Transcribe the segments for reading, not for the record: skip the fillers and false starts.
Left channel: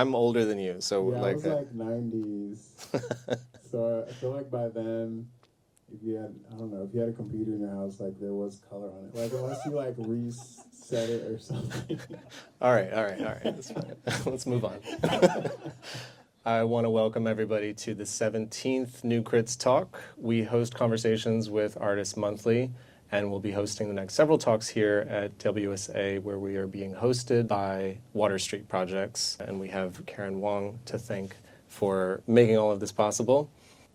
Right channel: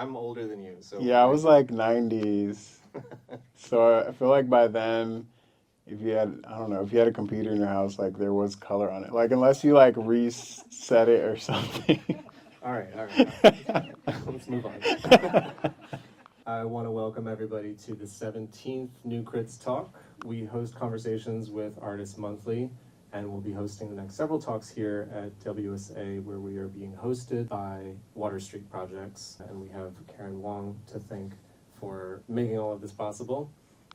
I'm older than you, so Yeah, I was like 90s. So I feel like by then, if you had, I don't know, if you had a computer in your house, like there was color on it. Like unless you like reset it or something. all right, all right, all right. That's fine. Let's move on. I want to welcome everybody to the 17th New Crits Talk. We host conversations with artists monthly, and we'll be hosting the next several talks here at WSA, where we are being hosted by Water Street Projects, and we have Karen Wong to thank for making all of this possible.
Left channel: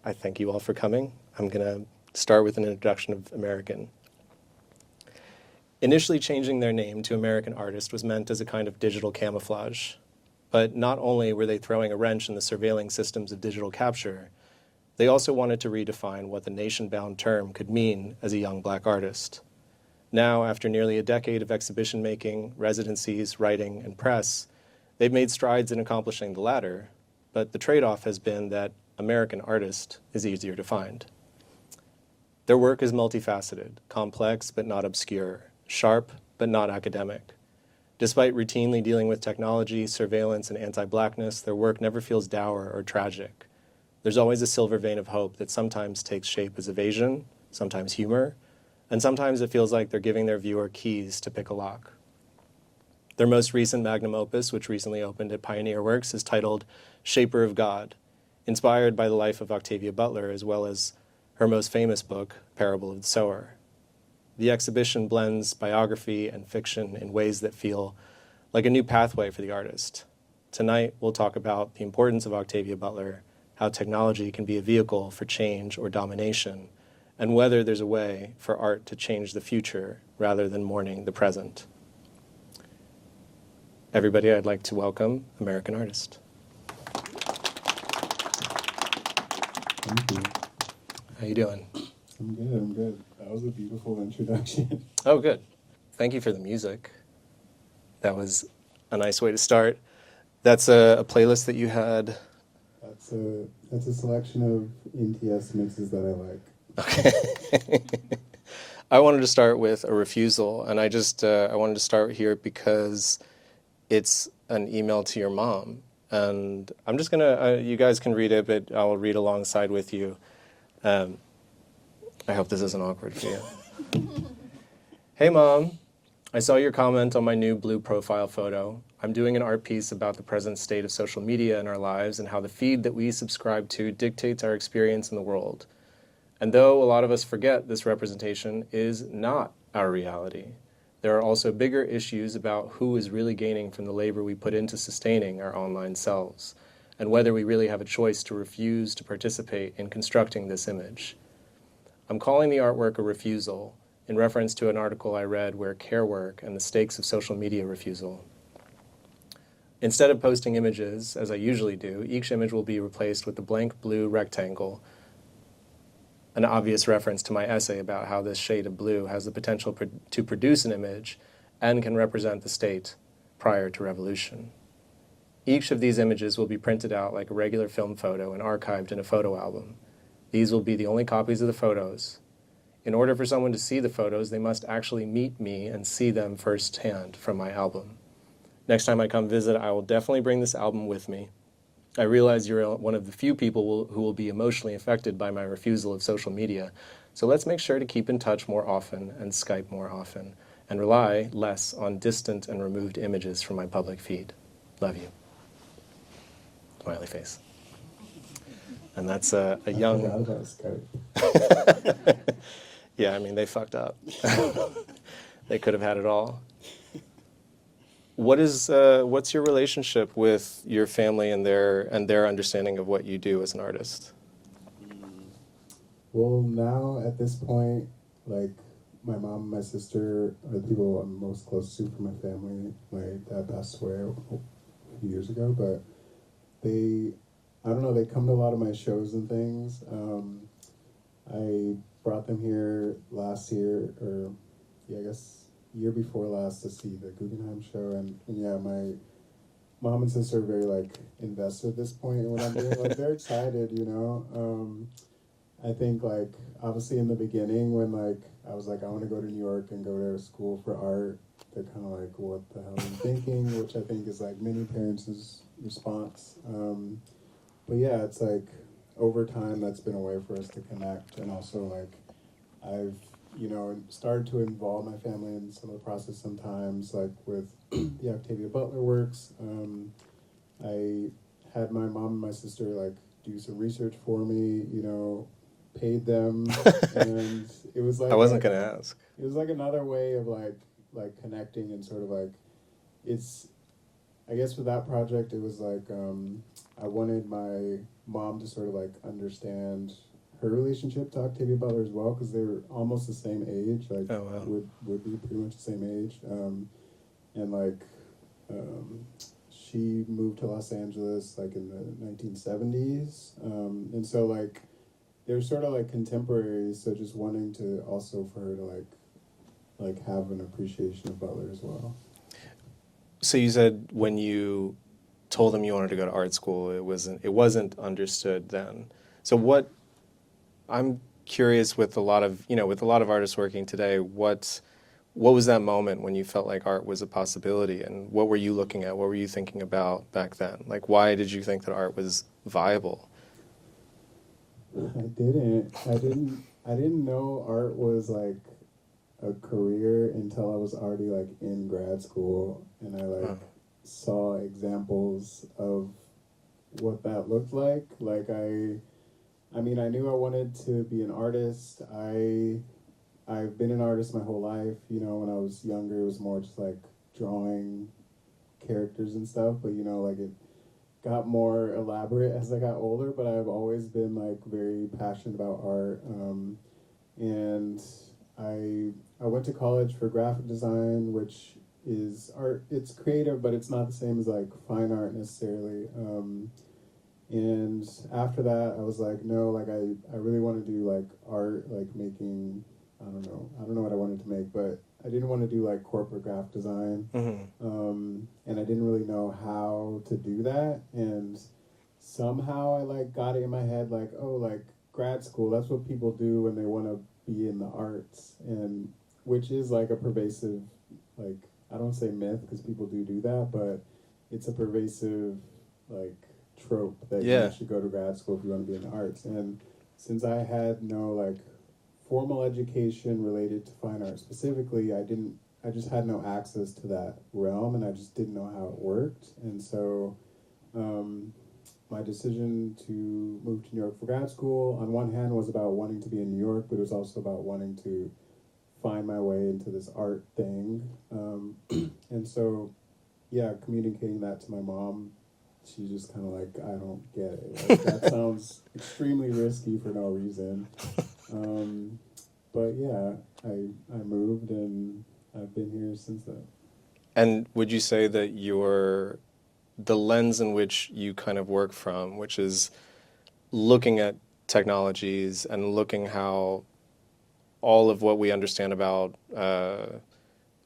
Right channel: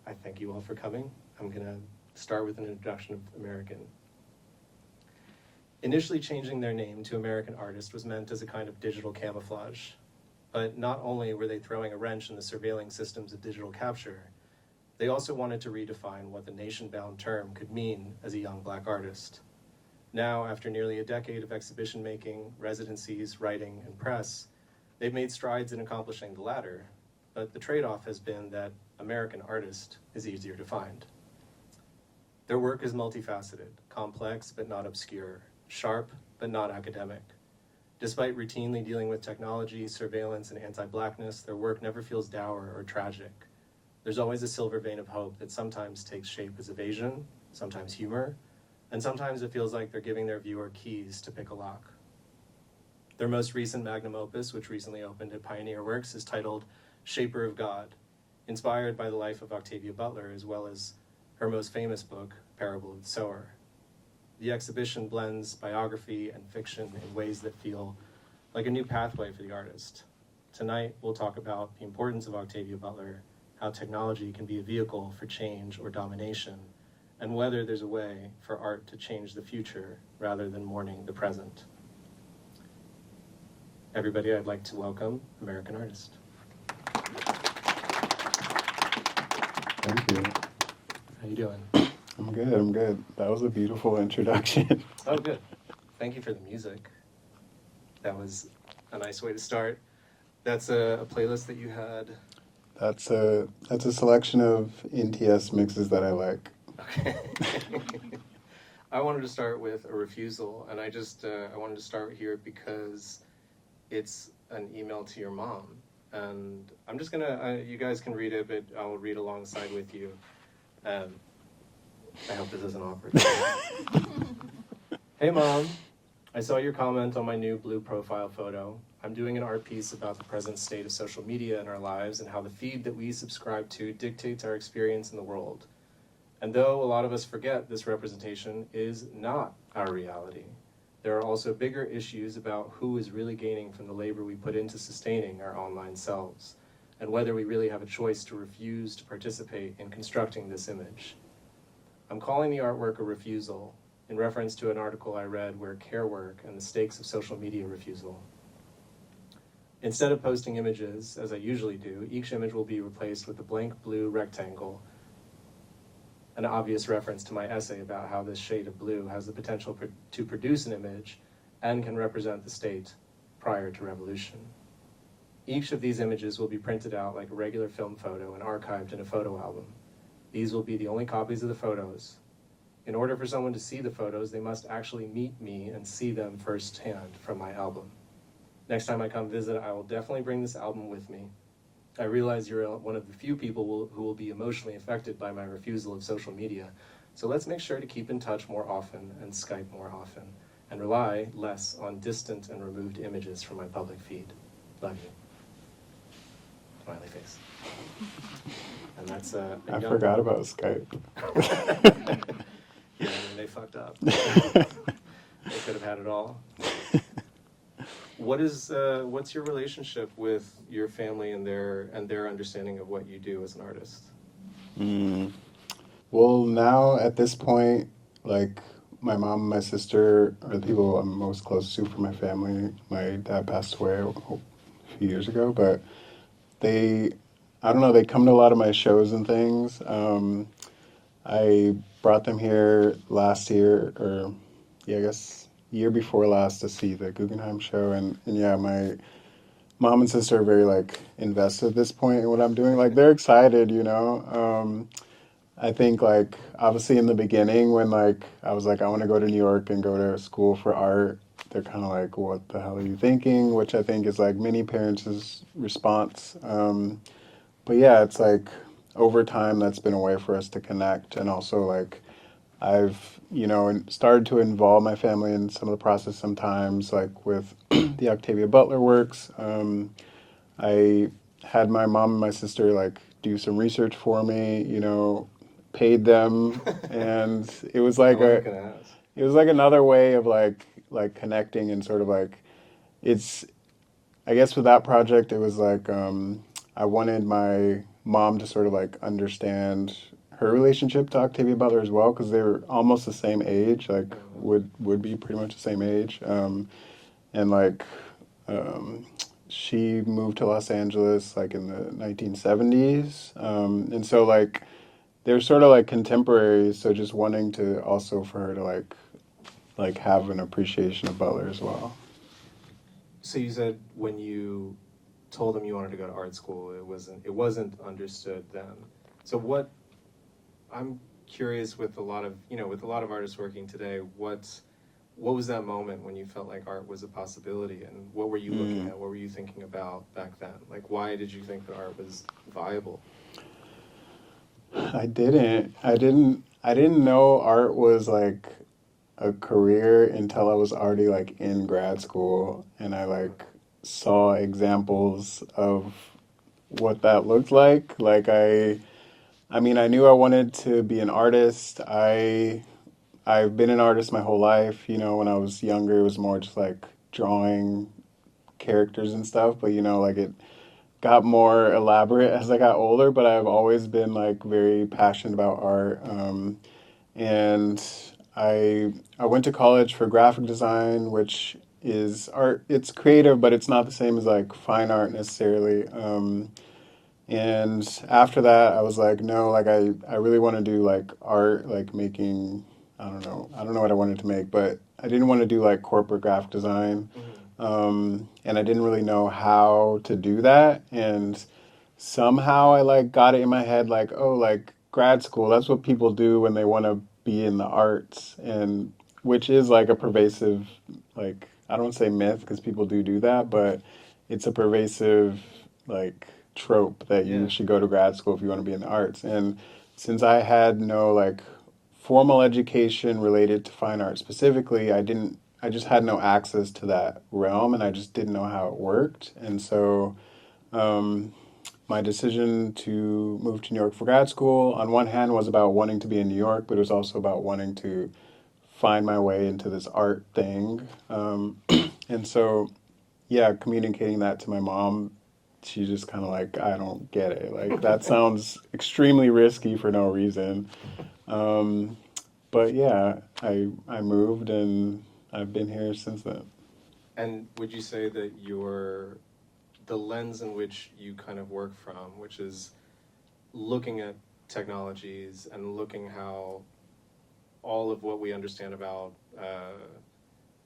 I thank you all for coming. I'm going to start with an introduction of American. Initially changing their name to American Artist was meant as a kind of digital camouflage. But not only were they throwing a wrench in the surveilling systems of digital capture, they also wanted to redefine what the nation-bound term could mean as a young black artist. Now, after nearly a decade of exhibition making, residencies, writing, and press, they've made strides in accomplishing the latter, but the trade-off has been that American artist is easier to find. Their work is multifaceted, complex but not obscure, sharp but not academic. Despite routinely dealing with technology, surveillance, and anti-blackness, their work never feels dour or tragic. There's always a silver vein of hope that sometimes takes shape as evasion, sometimes humor, and sometimes it feels like they're giving their viewer keys to pick a lock. Their most recent magnum opus, which recently opened at Pioneer Works, is titled Shaper of God, inspired by the life of Octavia Butler, as well as her most famous book, Parable of the Sower. The exhibition blends biography and fiction in ways that feel like a new pathway for the artist. Tonight, we'll talk about the importance of Octavia Butler, how technology can be a vehicle for change or domination, and whether there's a way for art to change the future rather than mourning the present. Everybody, I'd like to welcome American Artist. Thank you. How you doing? I'm good, I'm good. That was a beautiful introduction. Oh, good. Thank you for the music. That was a nice way to start. That's a playlist that you had. That's a selection of NTS mixes that I like. Okay. I wanted to start with a refusal, and I wanted to start here because it's an email to your mom. And I'm just gonna, you guys can read it, but I'll read alongside with you. I hope this isn't awkward for you. Hey Mom, I saw your comment on my new blue profile photo. I'm doing an art piece about the present state of social media in our lives and how the feed that we subscribe to dictates our experience in the world. And though a lot of us forget this representation is not our reality, there are also bigger issues about who is really gaining from the labor we put into sustaining our online selves, and whether we really have a choice to refuse to participate in constructing this image. I'm calling the artwork a refusal in reference to an article I read where care work and the stakes of social media refusal. Instead of posting images, as I usually do, each image will be replaced with a blank blue rectangle, an obvious reference to my essay about how this shade of blue has the potential to produce an image and can represent the state prior to revolution. Each of these images will be printed out like a regular film photo and archived in a photo album. These will be the only copies of the photos. In order for someone to see the photos, they must actually meet me and see them firsthand from my album. Next time I come visit, I will definitely bring this album with me. I realize you're one of the few people who will be emotionally affected by my refusal of social media, so let's make sure to keep in touch more often and Skype more often, and rely less on distant and removed images from my public feed. Love you. Smiley face. And that's a young... I forgot about Skype. Yeah, I mean, they fucked up. They could have had it all. What's your relationship with your family and their understanding of what you do as an artist? Well, now at this point, like my mom and my sister are the people I'm most close to from my family. My dad passed away a few years ago, but I don't know, they come to a lot of my shows and things. I brought them here last year, or yeah, I guess year before last, to see the Guggenheim show, and yeah, my mom and sister are very like invested at this point in what I'm doing. Like they're excited, you know. I think like obviously in the beginning when like I was like I want to go to New York and go to school for art, they're kind of like, what the hell are you thinking? Which I think is like many parents' response. But yeah, it's like over time that's been a way for us to connect, and also like I've started to involve my family in some of the process sometimes, like with the Octavia Butler works. I had my mom and my sister like do some research for me, paid them, and it was I like wasn't gonna ask. it was like another way of like connecting and sort of like it's I guess with that project it was like I wanted my mom to sort of like understand her relationship to Octavia Butler as well, because they were almost the same age, like Oh well. would be pretty much the same age, and like um, she moved to Los Angeles like in the 1970s, and so like they're sort of like contemporaries. So just wanting to also for her to like have an appreciation of Butler as well. So you said when you told them you wanted to go to art school, it wasn't understood then. So I'm curious with a lot of artists working today, what was that moment when you felt like art was a possibility, and what were you looking at? What were you thinking about back then? Like, why did you think that art was viable? I didn't know art was like a career until I was already like in grad school, and I Huh. like saw examples of what that looked like. I mean, I knew I wanted to be an artist. I've been an artist my whole life. When I was younger, it was more just like drawing characters and stuff, but like it got more elaborate as I got older, but I've always been like very passionate about art. And I went to college for graphic design, which is art. It's creative, but it's not the same as like fine art necessarily. And after that, I was like, no, like I really want to do like art, like making, I don't know what I wanted to make, but I didn't want to do like corporate graphic design. Hmm. And I didn't really know how to do that. And somehow I like got it in my head, like, oh, like grad school, that's what people do when they want to be in the arts. And which is like a pervasive, like, I don't say myth because people do that, but it's a pervasive, like, trope that you Yeah. should go to grad school if you want to be in the arts. And since I had no like formal education related to fine art specifically, I just had no access to that realm, and I just didn't know how it worked. And so um, my decision to move to New York for grad school, on one hand, was about wanting to be in New York, but it was also about wanting to find my way into this art thing. And so, yeah, communicating that to my mom, she just kind of like, I don't get it. Like, that sounds extremely risky for no reason. Um, but yeah, I moved and I've been here since then. And would you say that the lens in which you kind of work from, which is looking at technologies and looking how all of what we understand about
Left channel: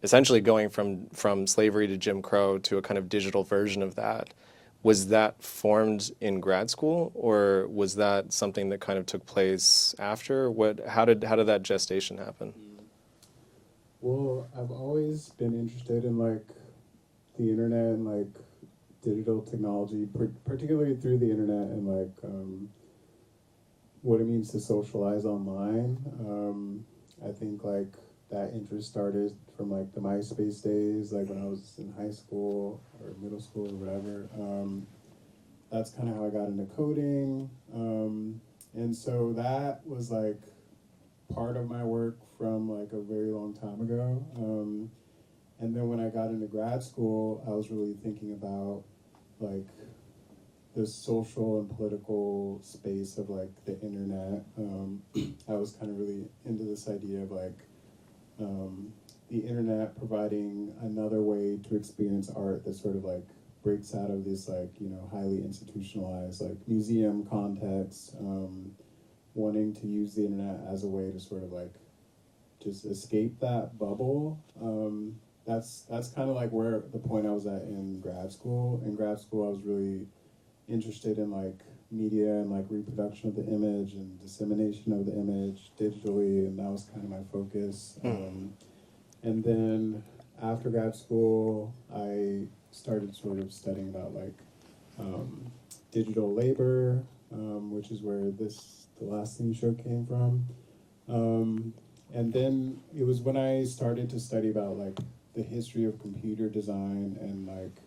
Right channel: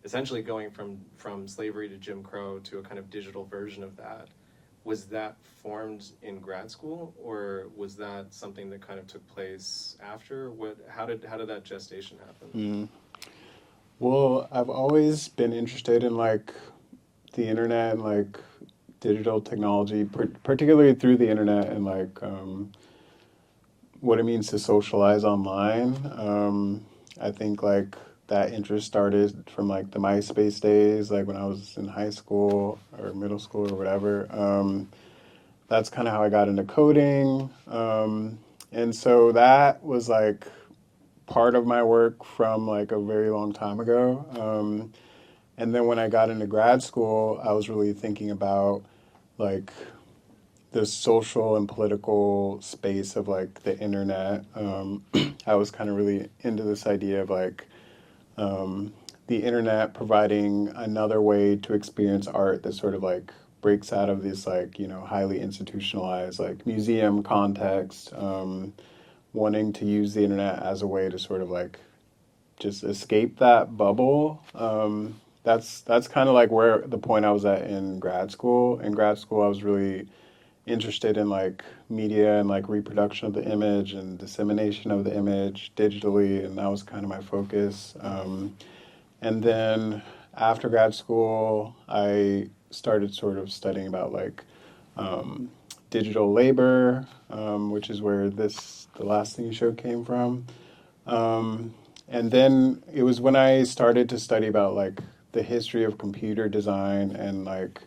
essentially going from slavery to Jim Crow to a kind of digital version of that, was that formed in grad school, or was that something that kind of took place after? How did that gestation happen? Mm. Well, I've always been interested in like the internet and like digital technology, particularly through the internet and like what it means to socialize online. I think like that interest started from like the MySpace days, like when I was in high school or middle school or whatever. That's kind of how I got into coding. And so that was like part of my work from like a very long time ago. And then when I got into grad school, I was really thinking about like the social and political space of like the internet. I was kind of really into this idea of like um, the internet providing another way to experience art that sort of like breaks out of this like highly institutionalized like museum context. Wanting to use the internet as a way to sort of like just escape that bubble. That's kind of like where the point I was at in grad school. In grad school, I was really interested in like media and like reproduction of the image and dissemination of the image digitally, and that was kind of my focus. Hmm. And then after grad school, I started sort of studying about like um, digital labor, which is where the last thing you showed came from. Um, and then it was when I started to study about like the history of computer design and like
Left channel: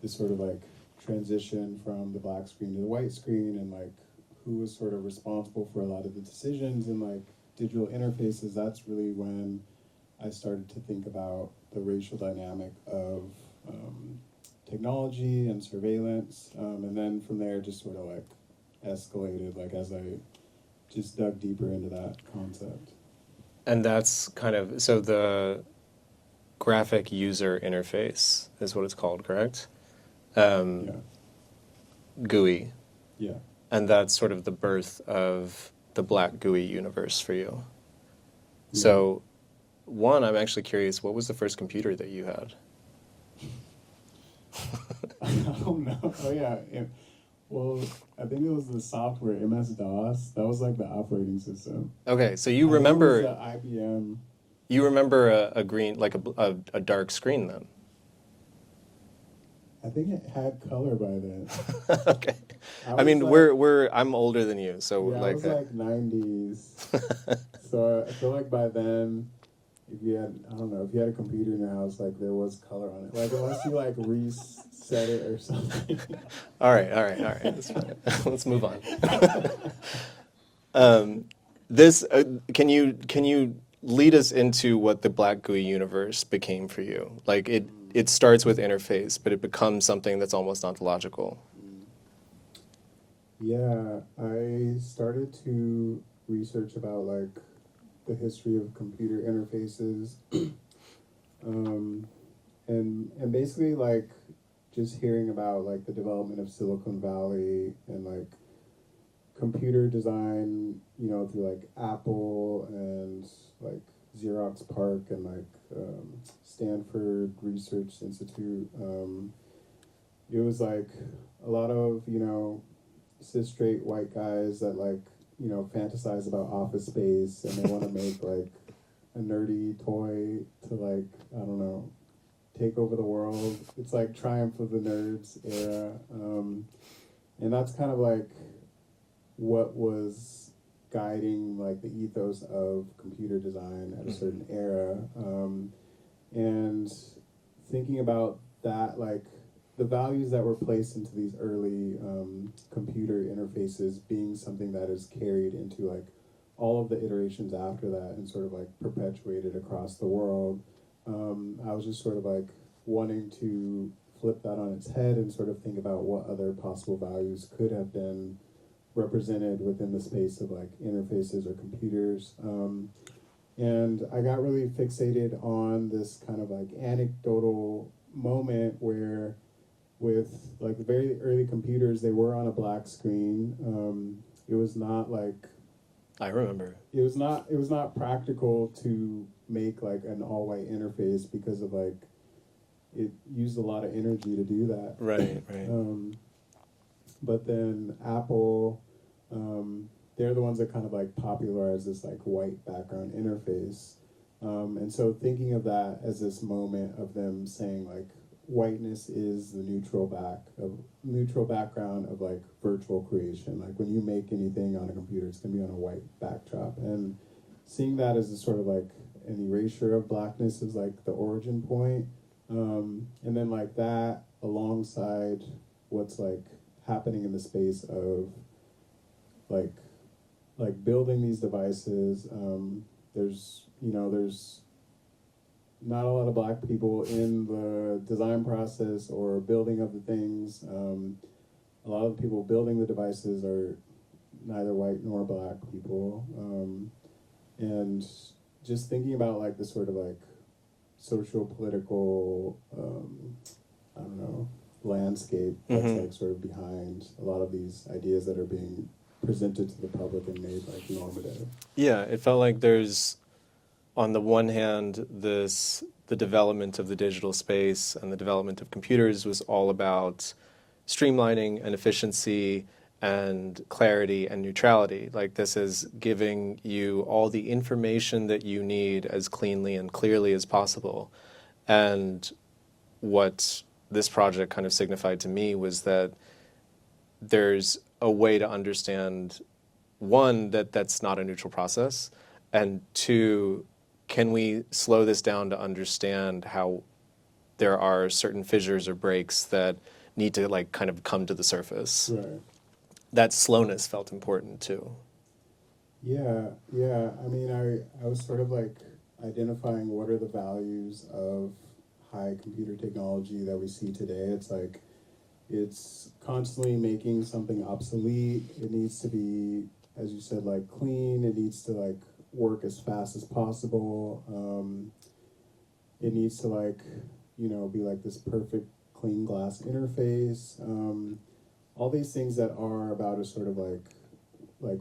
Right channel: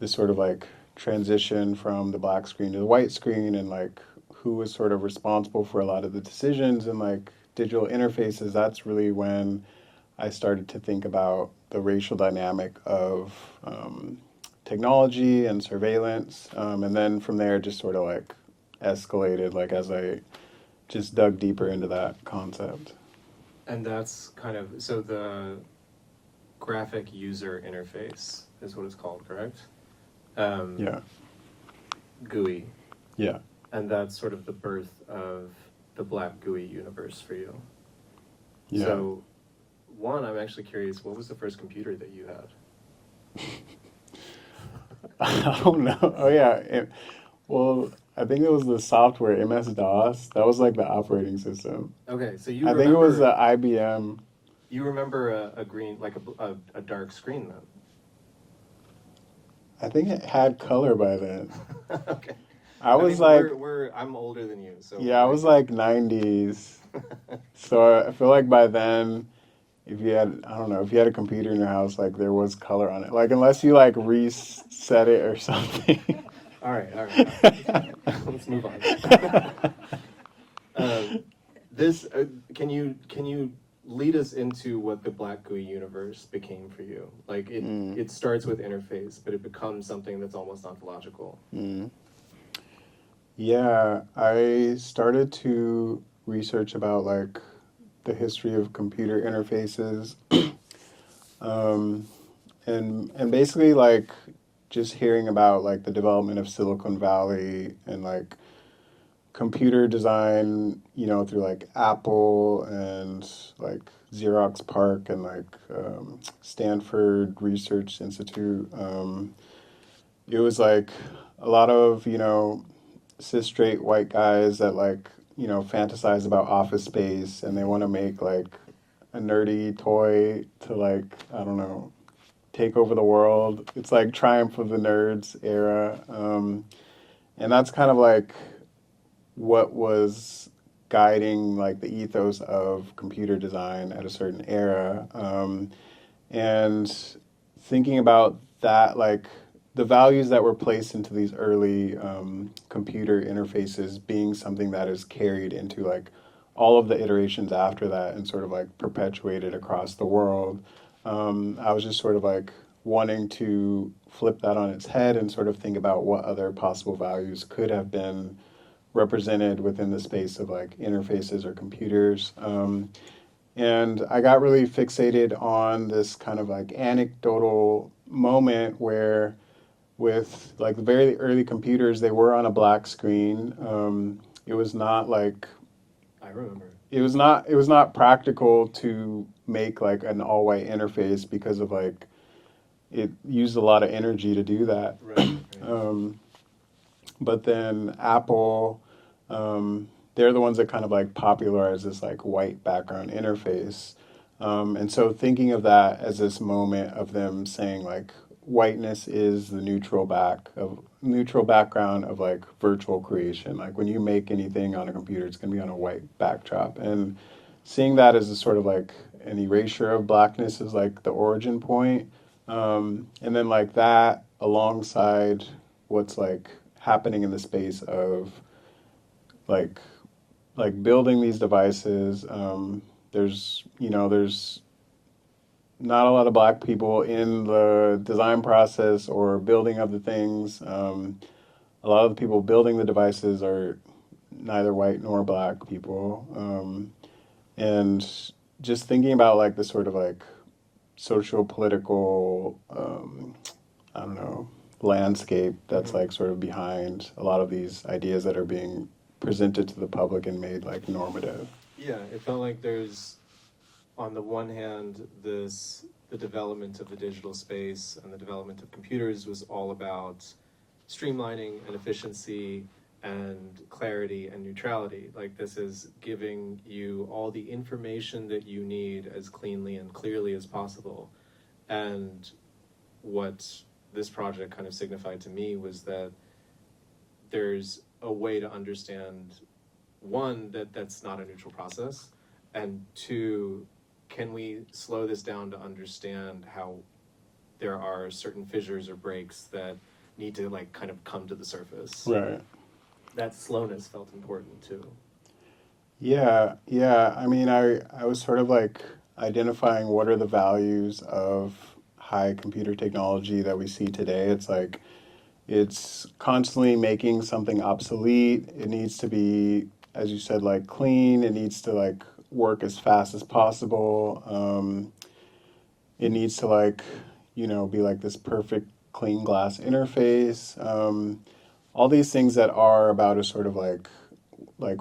this sort of like transition from the black screen to the white screen and like who was sort of responsible for a lot of the decisions and like digital interfaces. That's really when I started to think about the racial dynamic of technology and surveillance. And then from there, just sort of like escalated, like as I just dug deeper into that concept. And that's kind of, so the graphic user interface is what it's called, correct? Yeah, GUI. yeah, And that's sort of the birth of the Black GUI universe for you. yeah. So, one, I'm actually curious, what was the first computer that you had? I don't know. Oh yeah. Well, I think it was the software MS-DOS. That was like the operating system. Okay, so you I think it was the remember IBM. you remember a green, like a dark screen then. I think it had color by then. Okay. I I was mean, like, I'm older than you, so yeah, I was like 90s. So I feel like by then, if you had, I don't know, if you had a computer in your house, like there was color on it. Like unless you like reset it or something. all right, all right, all right. That's fine. Let's move on. This can you lead us into what the Black GUI universe became for you? Like it starts with interface, but it becomes something that's almost ontological. Yeah, I started to research about like the history of computer interfaces, um, and basically like just hearing about like the development of Silicon Valley and like computer design, through like Apple and like Xerox PARC and like Stanford Research Institute. It was like a lot of cis straight white guys that like fantasize about office space and they want to make like a nerdy toy to like I don't know take over the world. It's like Triumph of the Nerds era, and that's kind of like what was guiding like the ethos of computer design at a certain era, and thinking about that like the values that were placed into these early computer interfaces being something that is carried into like all of the iterations after that and sort of like perpetuated across the world. I was just sort of like wanting to flip that on its head and sort of think about what other possible values could have been represented within the space of like interfaces or computers. And I got really fixated on this kind of like anecdotal moment where with like the very early computers, they were on a black screen. It was not like I remember. it was not practical to make like an all white interface because of like it used a lot of energy to do that. Right, right. But then Apple, they're the ones that kind of like popularized this like white background interface. And so thinking of that as this moment of them saying like whiteness is the neutral background of like virtual creation. Like when you make anything on a computer, it's gonna be on a white backdrop. And seeing that as a sort of like an erasure of blackness is like the origin point. And then like that alongside what's like happening in the space of like building these devices. There's not a lot of black people in the design process or building of the things. A lot of the people building the devices are neither white nor black people. And just thinking about like the sort of like social political, I don't know, landscape that's like sort of behind a lot of these ideas that are being presented to the public and made like normative. Yeah, it felt like there's, on the one hand, the development of the digital space and the development of computers was all about streamlining and efficiency and clarity and neutrality. Like this is giving you all the information that you need as cleanly and clearly as possible. And what this project kind of signified to me was that there's a way to understand, one, that that's not a neutral process, and two, can we slow this down to understand how there are certain fissures or breaks that need to like kind of come to the surface. Right. That slowness felt important too. Yeah, yeah. I mean, I was sort of like identifying what are the values of high computer technology that we see today. It's like it's constantly making something obsolete. It needs to be, as you said, like clean. It needs to like work as fast as possible. It needs to like, be like this perfect clean glass interface. All these things that are about a sort of like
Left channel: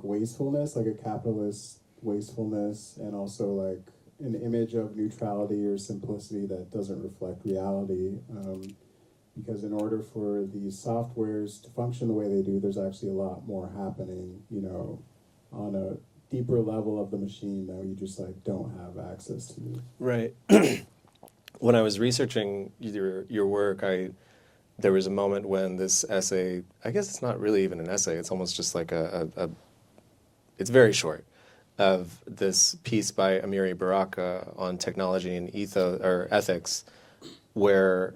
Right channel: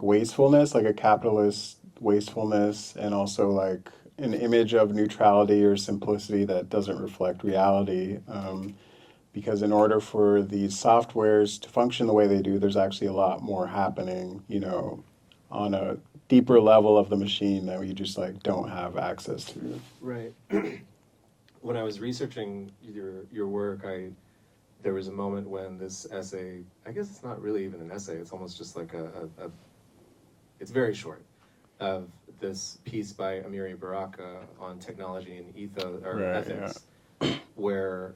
wastefulness, like a capitalist wastefulness, and also like an image of neutrality or simplicity that doesn't reflect reality. Because in order for these softwares to function the way they do, there's actually a lot more happening, on a deeper level of the machine that we just like don't have access to. Right. When I was researching your work, there was a moment when this essay, I guess it's not really even an essay, it's almost just like it's very short, of this piece by Amiri Baraka on technology and ethos or Right, ethics, where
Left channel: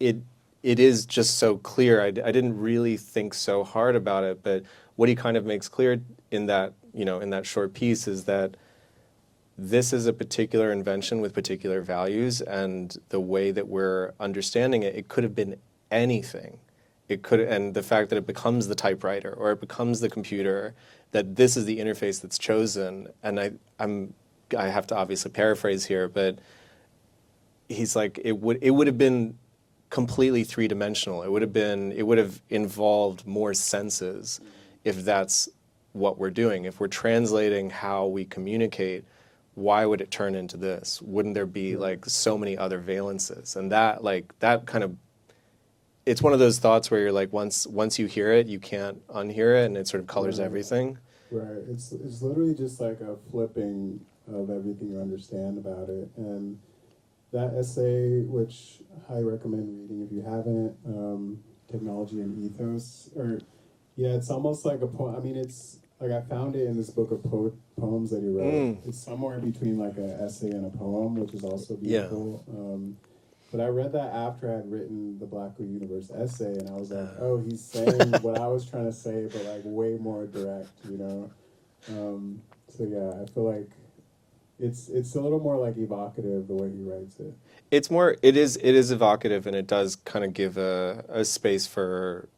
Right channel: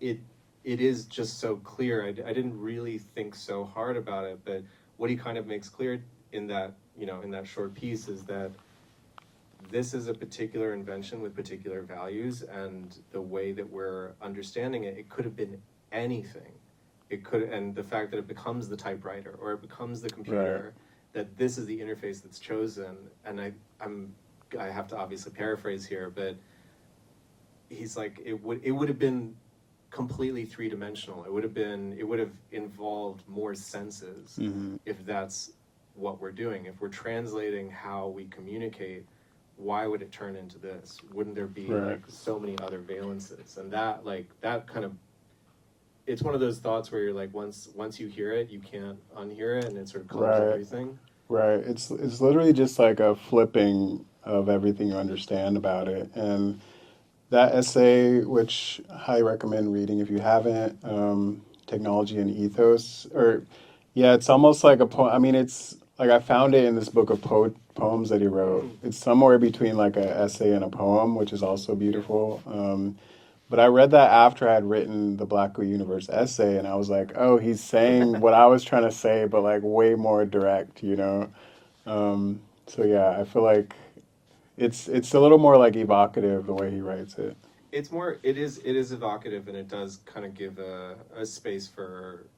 it is just so clear. I didn't really think so hard about it, but what he kind of makes clear in that, in that short piece is that this is a particular invention with particular values, and the way that we're understanding it, it could have been anything. It could, and the fact that it becomes the typewriter or it becomes the computer, that this is the interface that's chosen. And I have to obviously paraphrase here, but he's like, it would have been completely three-dimensional. It would have involved more senses if that's what we're doing. If we're translating how we communicate, why would it turn into this? Wouldn't there be like so many other valences? And that kind of, it's one of those thoughts where you're like, once you hear it, you can't unhear it, and it sort of colors everything. Right. It's literally just like a flipping of everything you understand about it. And that essay, which I highly recommend reading if you haven't, Technology and Ethos, it's almost like a poem. I mean, it's like I found it in this book of poems that he wrote. It's somewhere between like an essay and a poem, which is also beautiful. But I read that after I had written the Black Universe essay, and I was like, oh, he's saying what I was trying to say, but like way more direct, So yeah, I feel like it's a little more like evocative the way he writes it. It is evocative, and it does kind of give a space for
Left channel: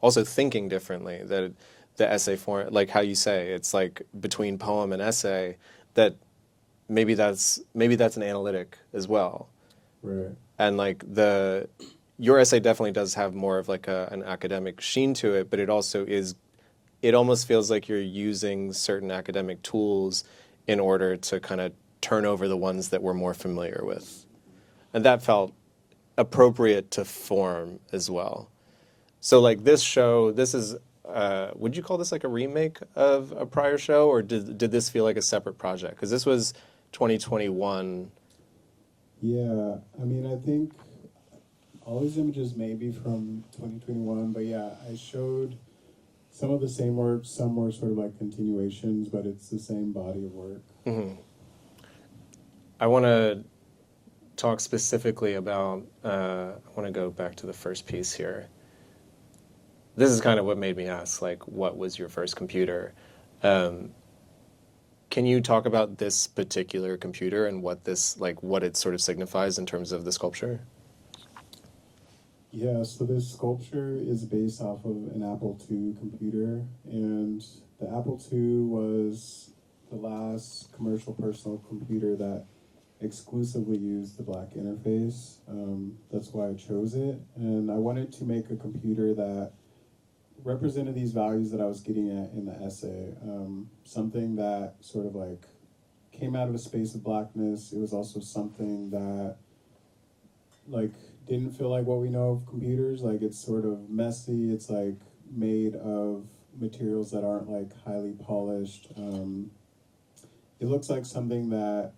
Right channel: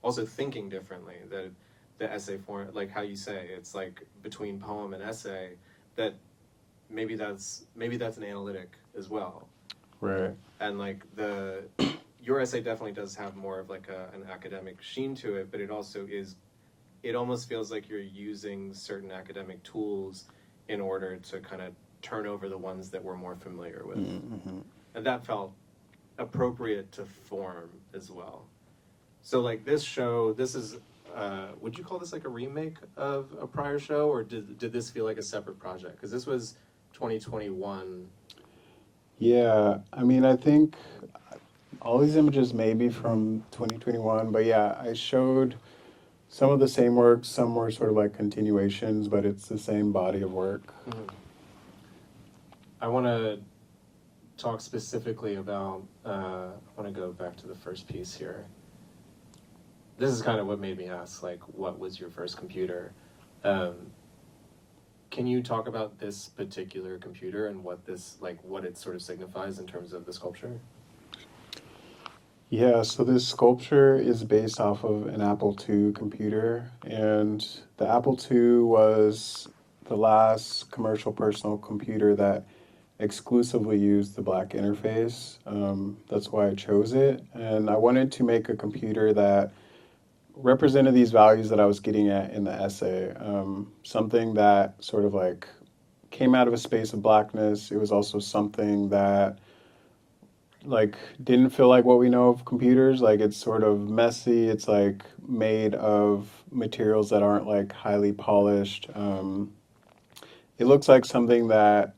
also thinking differently. That the essay form, like how you say, it's like between poem and essay, that maybe that's an analytic as well. Right. And like your essay definitely does have more of like an academic sheen to it, but it also is, it almost feels like you're using certain academic tools in order to kind of turn over the ones that we're more familiar with. Mm-hmm. And that felt appropriate to form as well. So like this show, this is, would you call this like a remake of a prior show, or did this feel like a separate project? Because this was 2021. Yeah, I mean, I think all these images may be from 2021, but yeah, I showed some of the same work, some were sort of like continuations, but it's the same body of work. Mm-hmm. I want to talk specifically about, I want to go back to the first piece here. This is kind of what made me ask, like, what was your first computer? Can you talk about this particular computer and what it sort of signifies in terms of the sculpture? Yeah, so this sculpture is based off of an Apple II computer, and the Apple II was the last commercial personal computer that exclusively used the black interface. That's why I chose it, and I wanted to make a computer that represented these values that I was getting at in the essay. Something that sort of like came out of a space of blackness. It was also something that like didn't feel like what we know of computers. Like it's sort of messy. It's like made of materials that aren't like highly polished. It looks like something that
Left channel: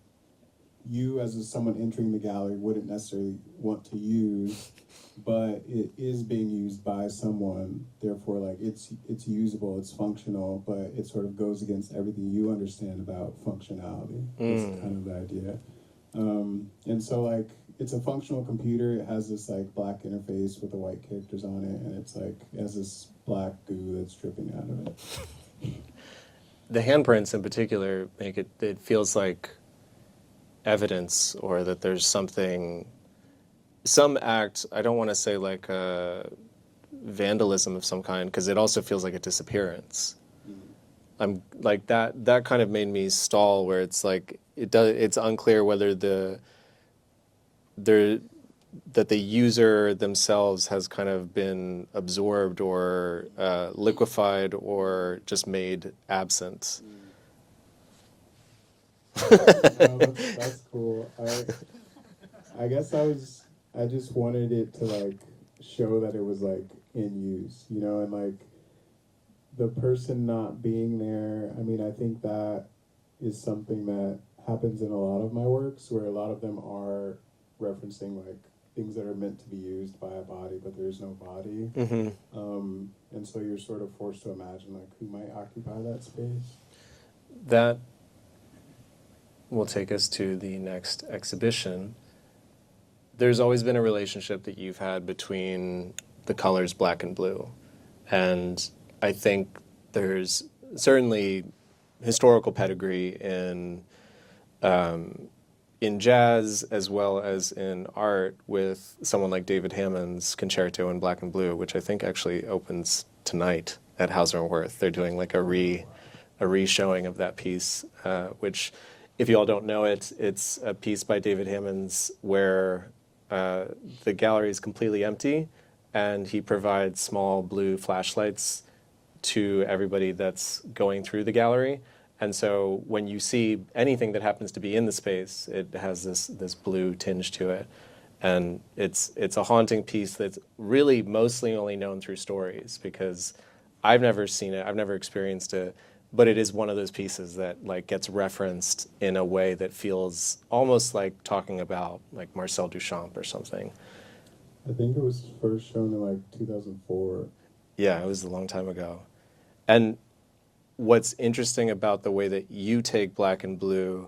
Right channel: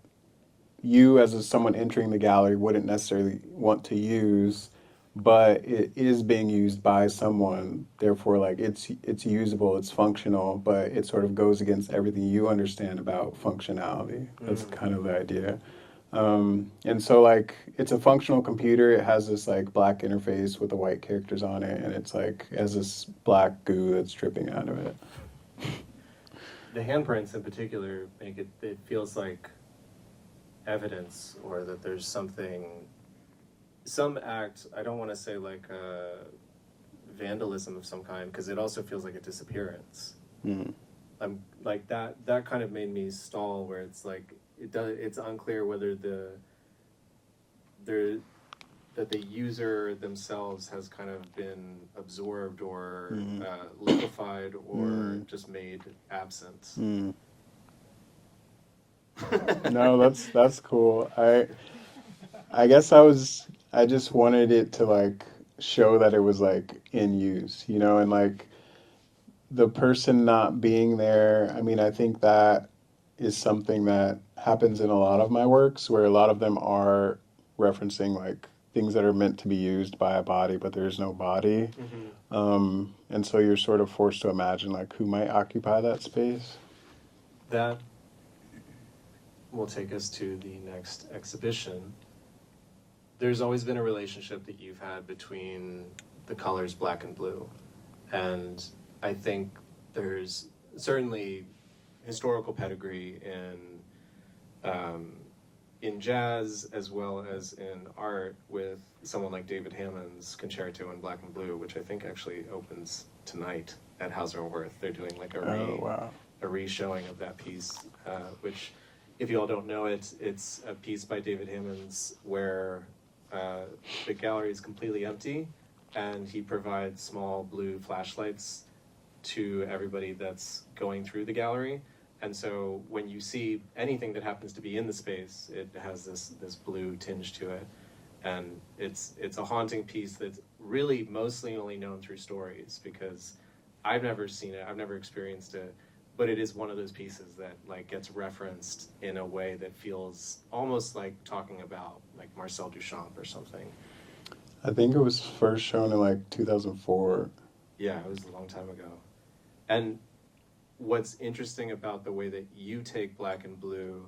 you as someone entering the gallery wouldn't necessarily want to use, but it is being used by someone. Therefore, like it's usable, it's functional, but it sort of goes against everything you understand about functionality. That's kind of the idea. And so like it's a functional computer. It has this like black interface with the white characters on it, and it's like has this black goo that's dripping out of it. The handprints in particular make it feels like evidence, or that there's some act, I don't want to say like vandalism of some kind, because it also feels like a disappearance. I'm like that kind of made me stall, where it's like it's unclear whether the user themselves has kind of been absorbed or liquefied or just made absent. No, that's cool. I guess I just wanted it to like show that it was like in use, you know, and like the person not being there. I mean, I think that is something that happens in a lot of my works, where a lot of them are referencing like things that are meant to be used by a body, but there's no body. And so you're sort of forced to imagine like who might occupy that space. That will take us to the next exhibition. There's always been a relationship that you've had between the colors black and blue. And I think there's certainly historical pedigree in jazz as well as in art, with someone like David Hammond's concerto in black and blue, which I think actually opens tonight at Hauser and Wirth. They're doing like a re-showing of that piece, which, if you all don't know it, it's a piece by David Hammond's where the gallery is completely empty, and he provides small blue flashlights to everybody that's going through the gallery. And so when you see anything that happens to be in the space, it has this blue tinge to it. And it's a haunting piece that's really mostly only known through stories, because I've never seen it, I've never experienced it, but it is one of those pieces that like gets referenced in a way that feels almost like talking about like Marcel Duchamp or something. I think it was first shown in like 2004. Yeah, it was a long time ago. And what's interesting about the way that you take black and blue,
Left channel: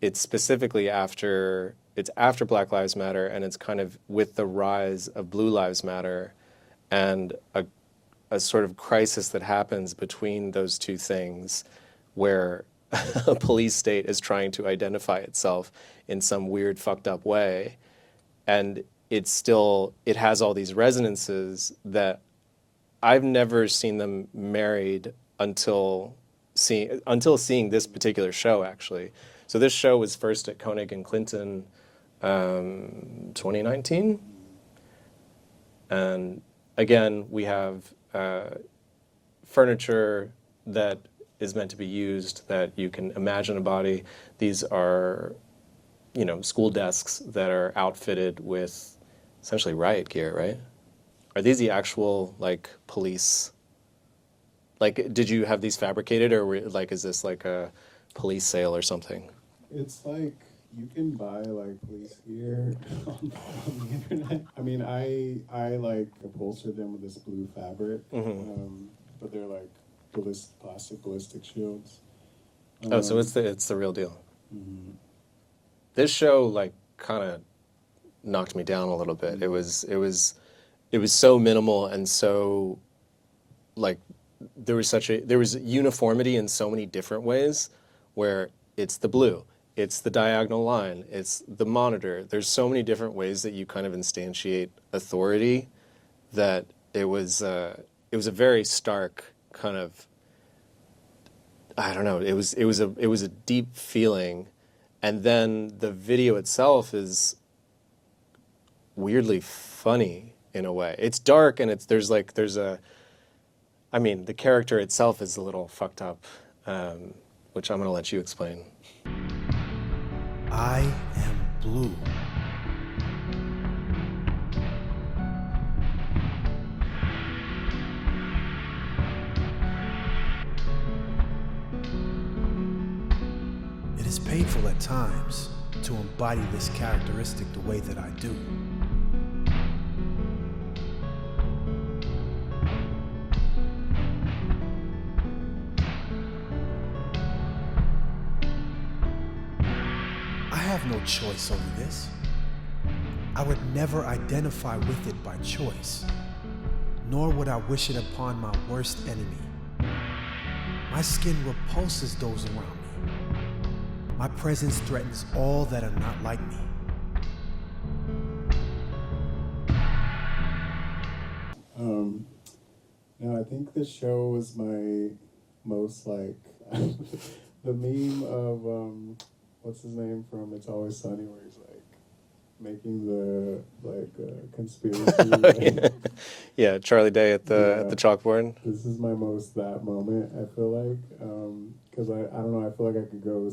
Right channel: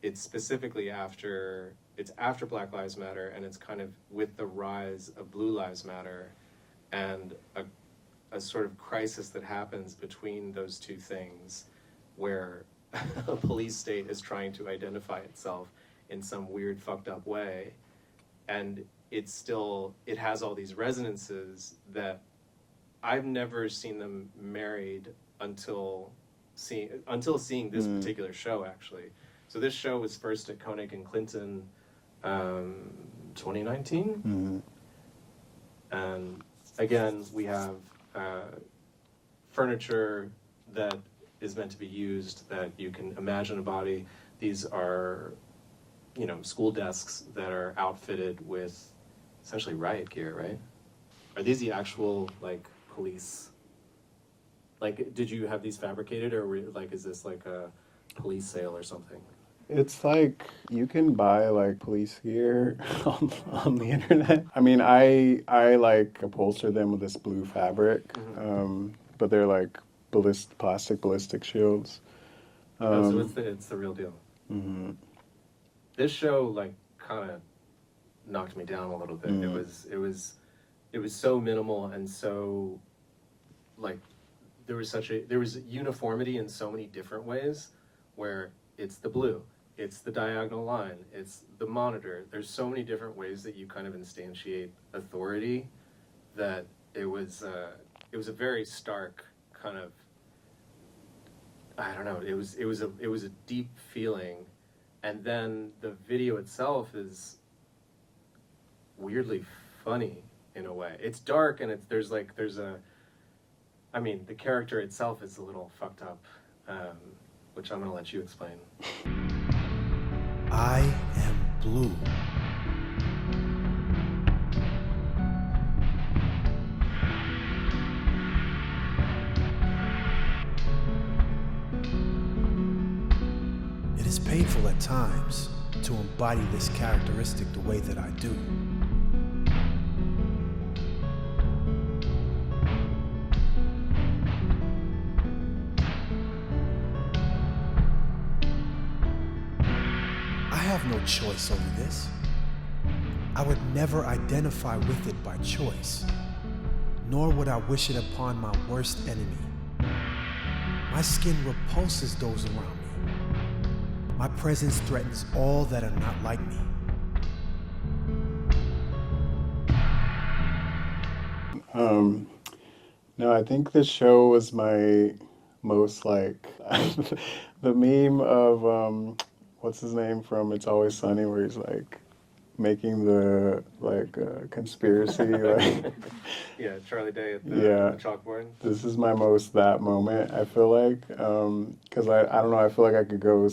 it's specifically after Black Lives Matter, and it's kind of with the rise of Blue Lives Matter, and a sort of crisis that happens between those two things, where a police state is trying to identify itself in some weird fucked up way, and it has all these resonances that I've never seen them married until seeing this particular show, actually. So this show was first at Koenig and Clinton 2019. And again, we have furniture that is meant to be used, that you can imagine a body. These are, school desks that are outfitted with essentially riot gear, right? Are these the actual, like, police? Like, did you have these fabricated, or is this like a police sale or something? It's like you can buy like police gear on the internet. I mean, I like upholster them with this blue fabric, but they're like plastic ballistic shields. So it's the real deal. This show like kind of knocked me down a little bit. It was so minimal, and so like there was uniformity in so many different ways, where it's the blue, it's the diagonal line, it's the monitor. There's so many different ways that you kind of instantiate authority, that it was a very stark kind of, I don't know, it was a deep feeling. And then the video itself is weirdly funny in a way. It's dark, and the character itself is a little fucked up, which I'm going to let you explain. I am blue. It is painful at times to embody this characteristic the way that I do. I have no choice over this. I would never identify with it by choice, nor would I wish it upon my worst enemy. My skin repulses those around me. My presence threatens all that are not like me. No, I think this show was my most like the meme of what's his name from It's Always Sunny, where he's like making the conspiracy. Like, Yeah, Charlie Day at the chalkboard. this is my most that moment. I feel like because I don't know. I feel like I could go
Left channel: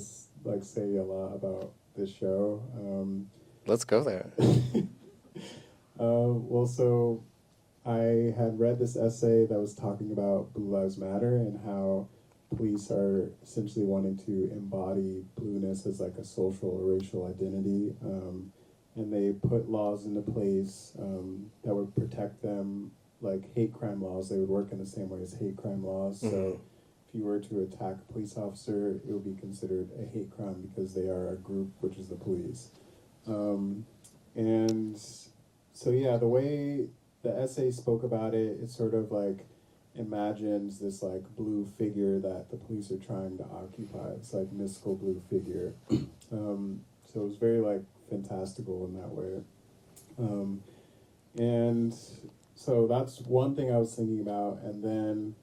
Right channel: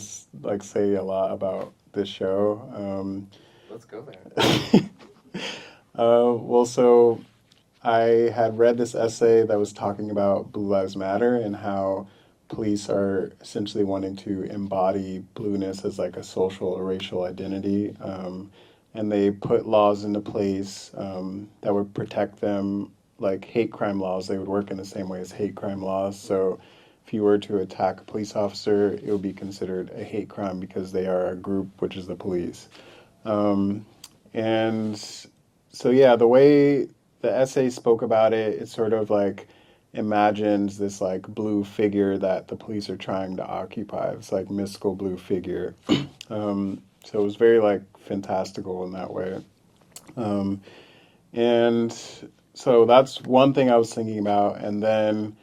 say a lot about this show. Let's go there. Well, so I had read this essay that was talking about Blue Lives Matter and how police are essentially wanting to embody blueness as like a social or racial identity. And they put laws into place that would protect them, like hate crime laws. They would work in the same way as hate crime laws. Mm-hmm. So if you were to attack a police officer, it would be considered a hate crime because they are a group, which is the police. And so, yeah, the way the essay spoke about it, it sort of like imagines this like blue figure that the police are trying to occupy. It's like mystical blue figure. So it was very like fantastical in that way. And so that's one thing I was thinking about. And then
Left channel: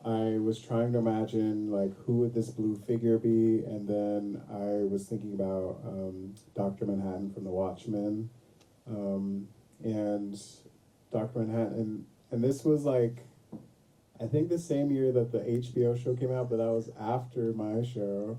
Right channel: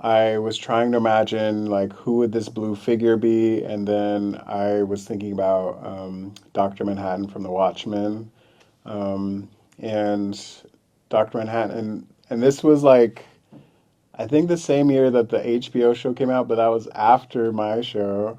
I was trying to imagine like who would this blue figure be? And then I was thinking about Dr. Manhattan from The Watchmen. And Dr. Manhattan, and this was like, I think the same year that the HBO show came out, but that was after my show.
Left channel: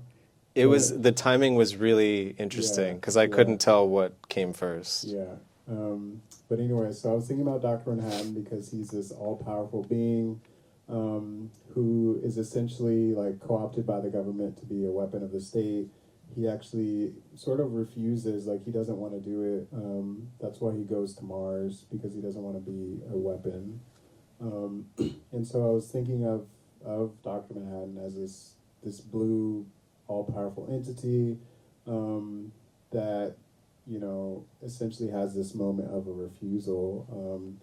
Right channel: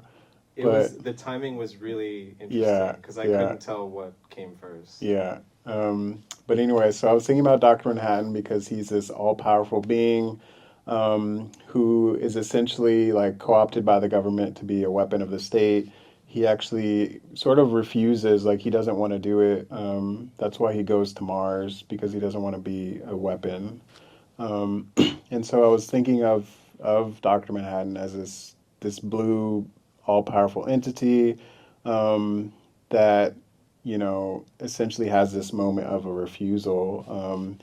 The timing was really interesting because I couldn't tell what came first. Yeah. But anyway, so I was thinking about Dr. Manhattan because he's this all-powerful being who is essentially like co-opted by the government to be a weapon of the state. He actually sort of refuses, like he doesn't want to do it. That's why he goes to Mars, because he doesn't want to be a weapon. And so I was thinking of Dr. Manhattan as this blue, all-powerful entity that, you know, essentially has this moment of a refusal.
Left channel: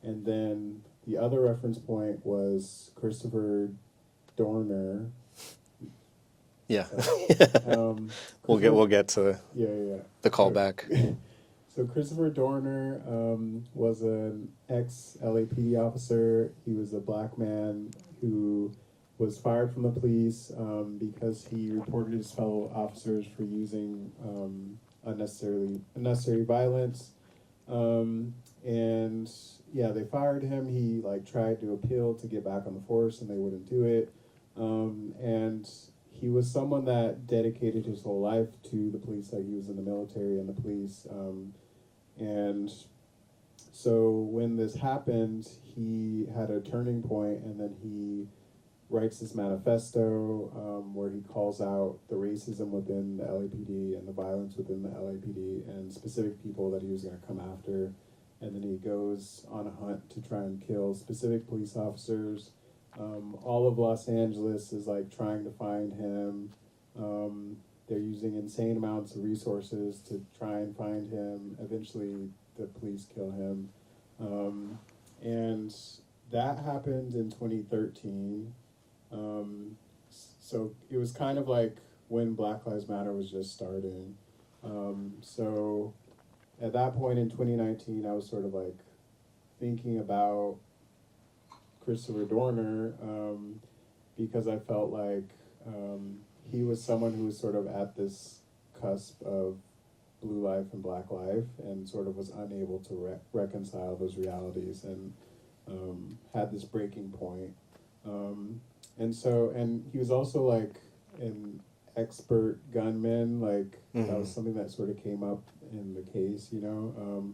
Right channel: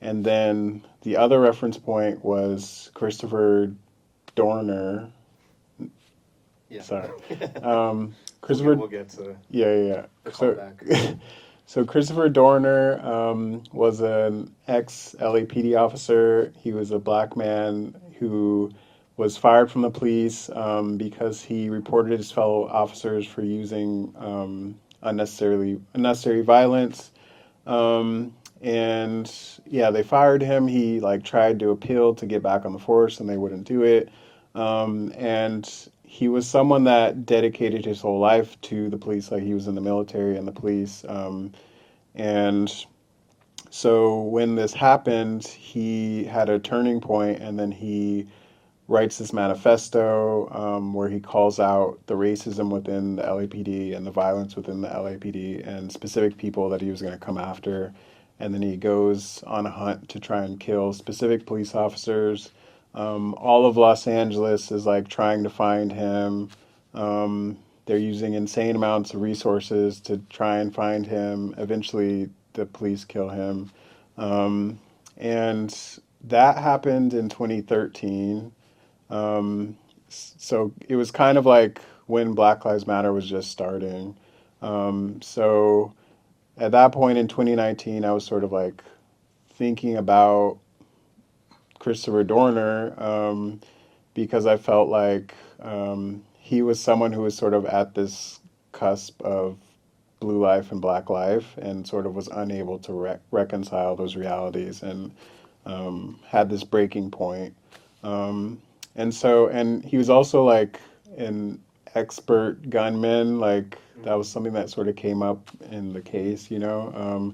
And then the other reference point was Christopher Dorner. Yeah. We'll get to the callback. So Christopher Dorner was an ex-LAPD officer. He was a black man who was fired from the police because he reported his fellow officers for using unnecessary violence. And yeah, they fired him. He like tried to appeal to get back on the force, and they wouldn't do it. And he was someone that dedicated his whole life to the police, like he was in the military and the police. And so when this happened, he had a turning point, and then he writes this manifesto where he calls out the racism within the LAPD and the violence within the LAPD and specific people that he was going to come after. And then he goes on a hunt to try and kill specific police officers. All of Los Angeles is like trying to find him. They're using insane amounts of resources to try and find him. Eventually, the police kill him. And that happened in 2013. So it was kind of like when Black Lives Matter was just starting. So at that point in 2019, I was sort of like thinking about Christopher Dorner because I felt like he was someone who was sort of at this cusp of blue life and black life and sort of was unable to reconcile those realities and had this breaking point. And he was also like an expert gunman, like that was something that sort of came up in the case, you know?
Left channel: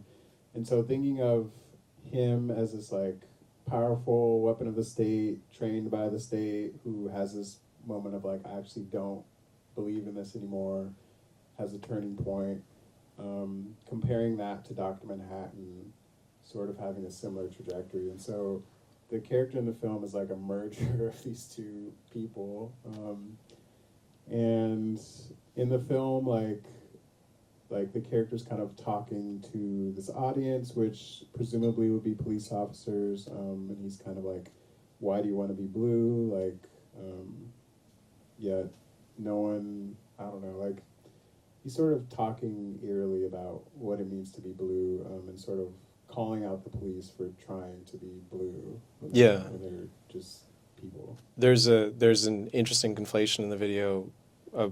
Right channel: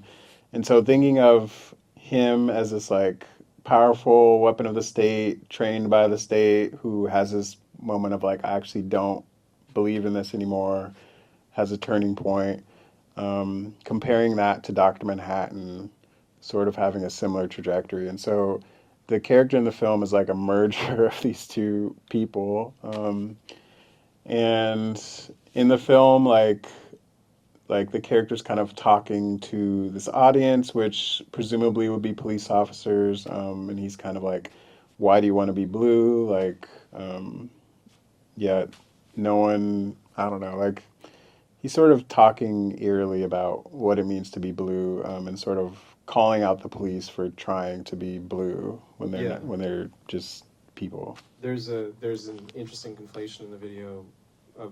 And so thinking of him as this like powerful weapon of the state, trained by the state, who has this moment of like, I actually don't believe in this anymore, has a turning point. Comparing that to Dr. Manhattan, sort of having a similar trajectory. And so the character in the film is like a merger of these two people. And in the film, like the character's kind of talking to this audience, which presumably would be police officers, and he's kind of like, "Why do you want to be blue?" Like, yet no one, I don't know, like he's sort of talking eerily about what it means to be blue, and sort of calling out the police for trying to be blue when they Yeah. when they're just people. There's an interesting conflation in the video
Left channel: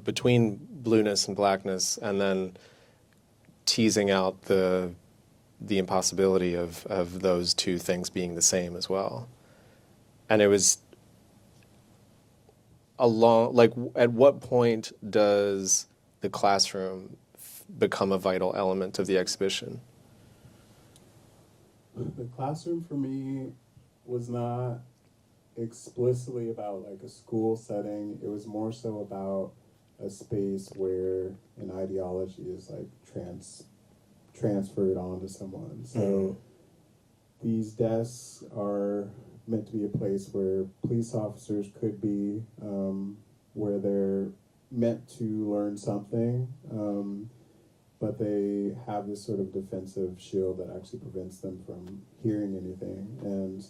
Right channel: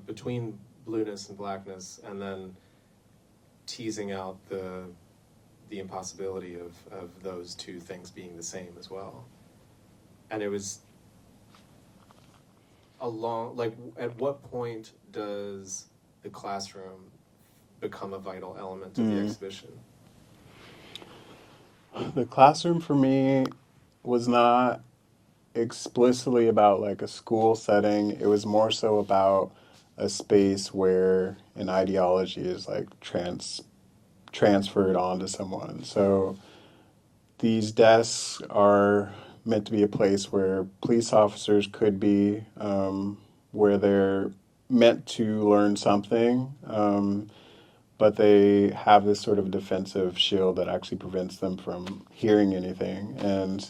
between blueness and blackness, and then teasing out the impossibility of those two things being the same as well. And it was like, at what point does the classroom become a vital element of the exhibition? The classroom for me was not explicitly about like a school setting. It was more so about a space where an ideology is like transferred onto someone. So these desks are meant to be a place where police officers could be, where they're meant to learn something, but they have this sort of defensive shield that actually prevents them from hearing anything. And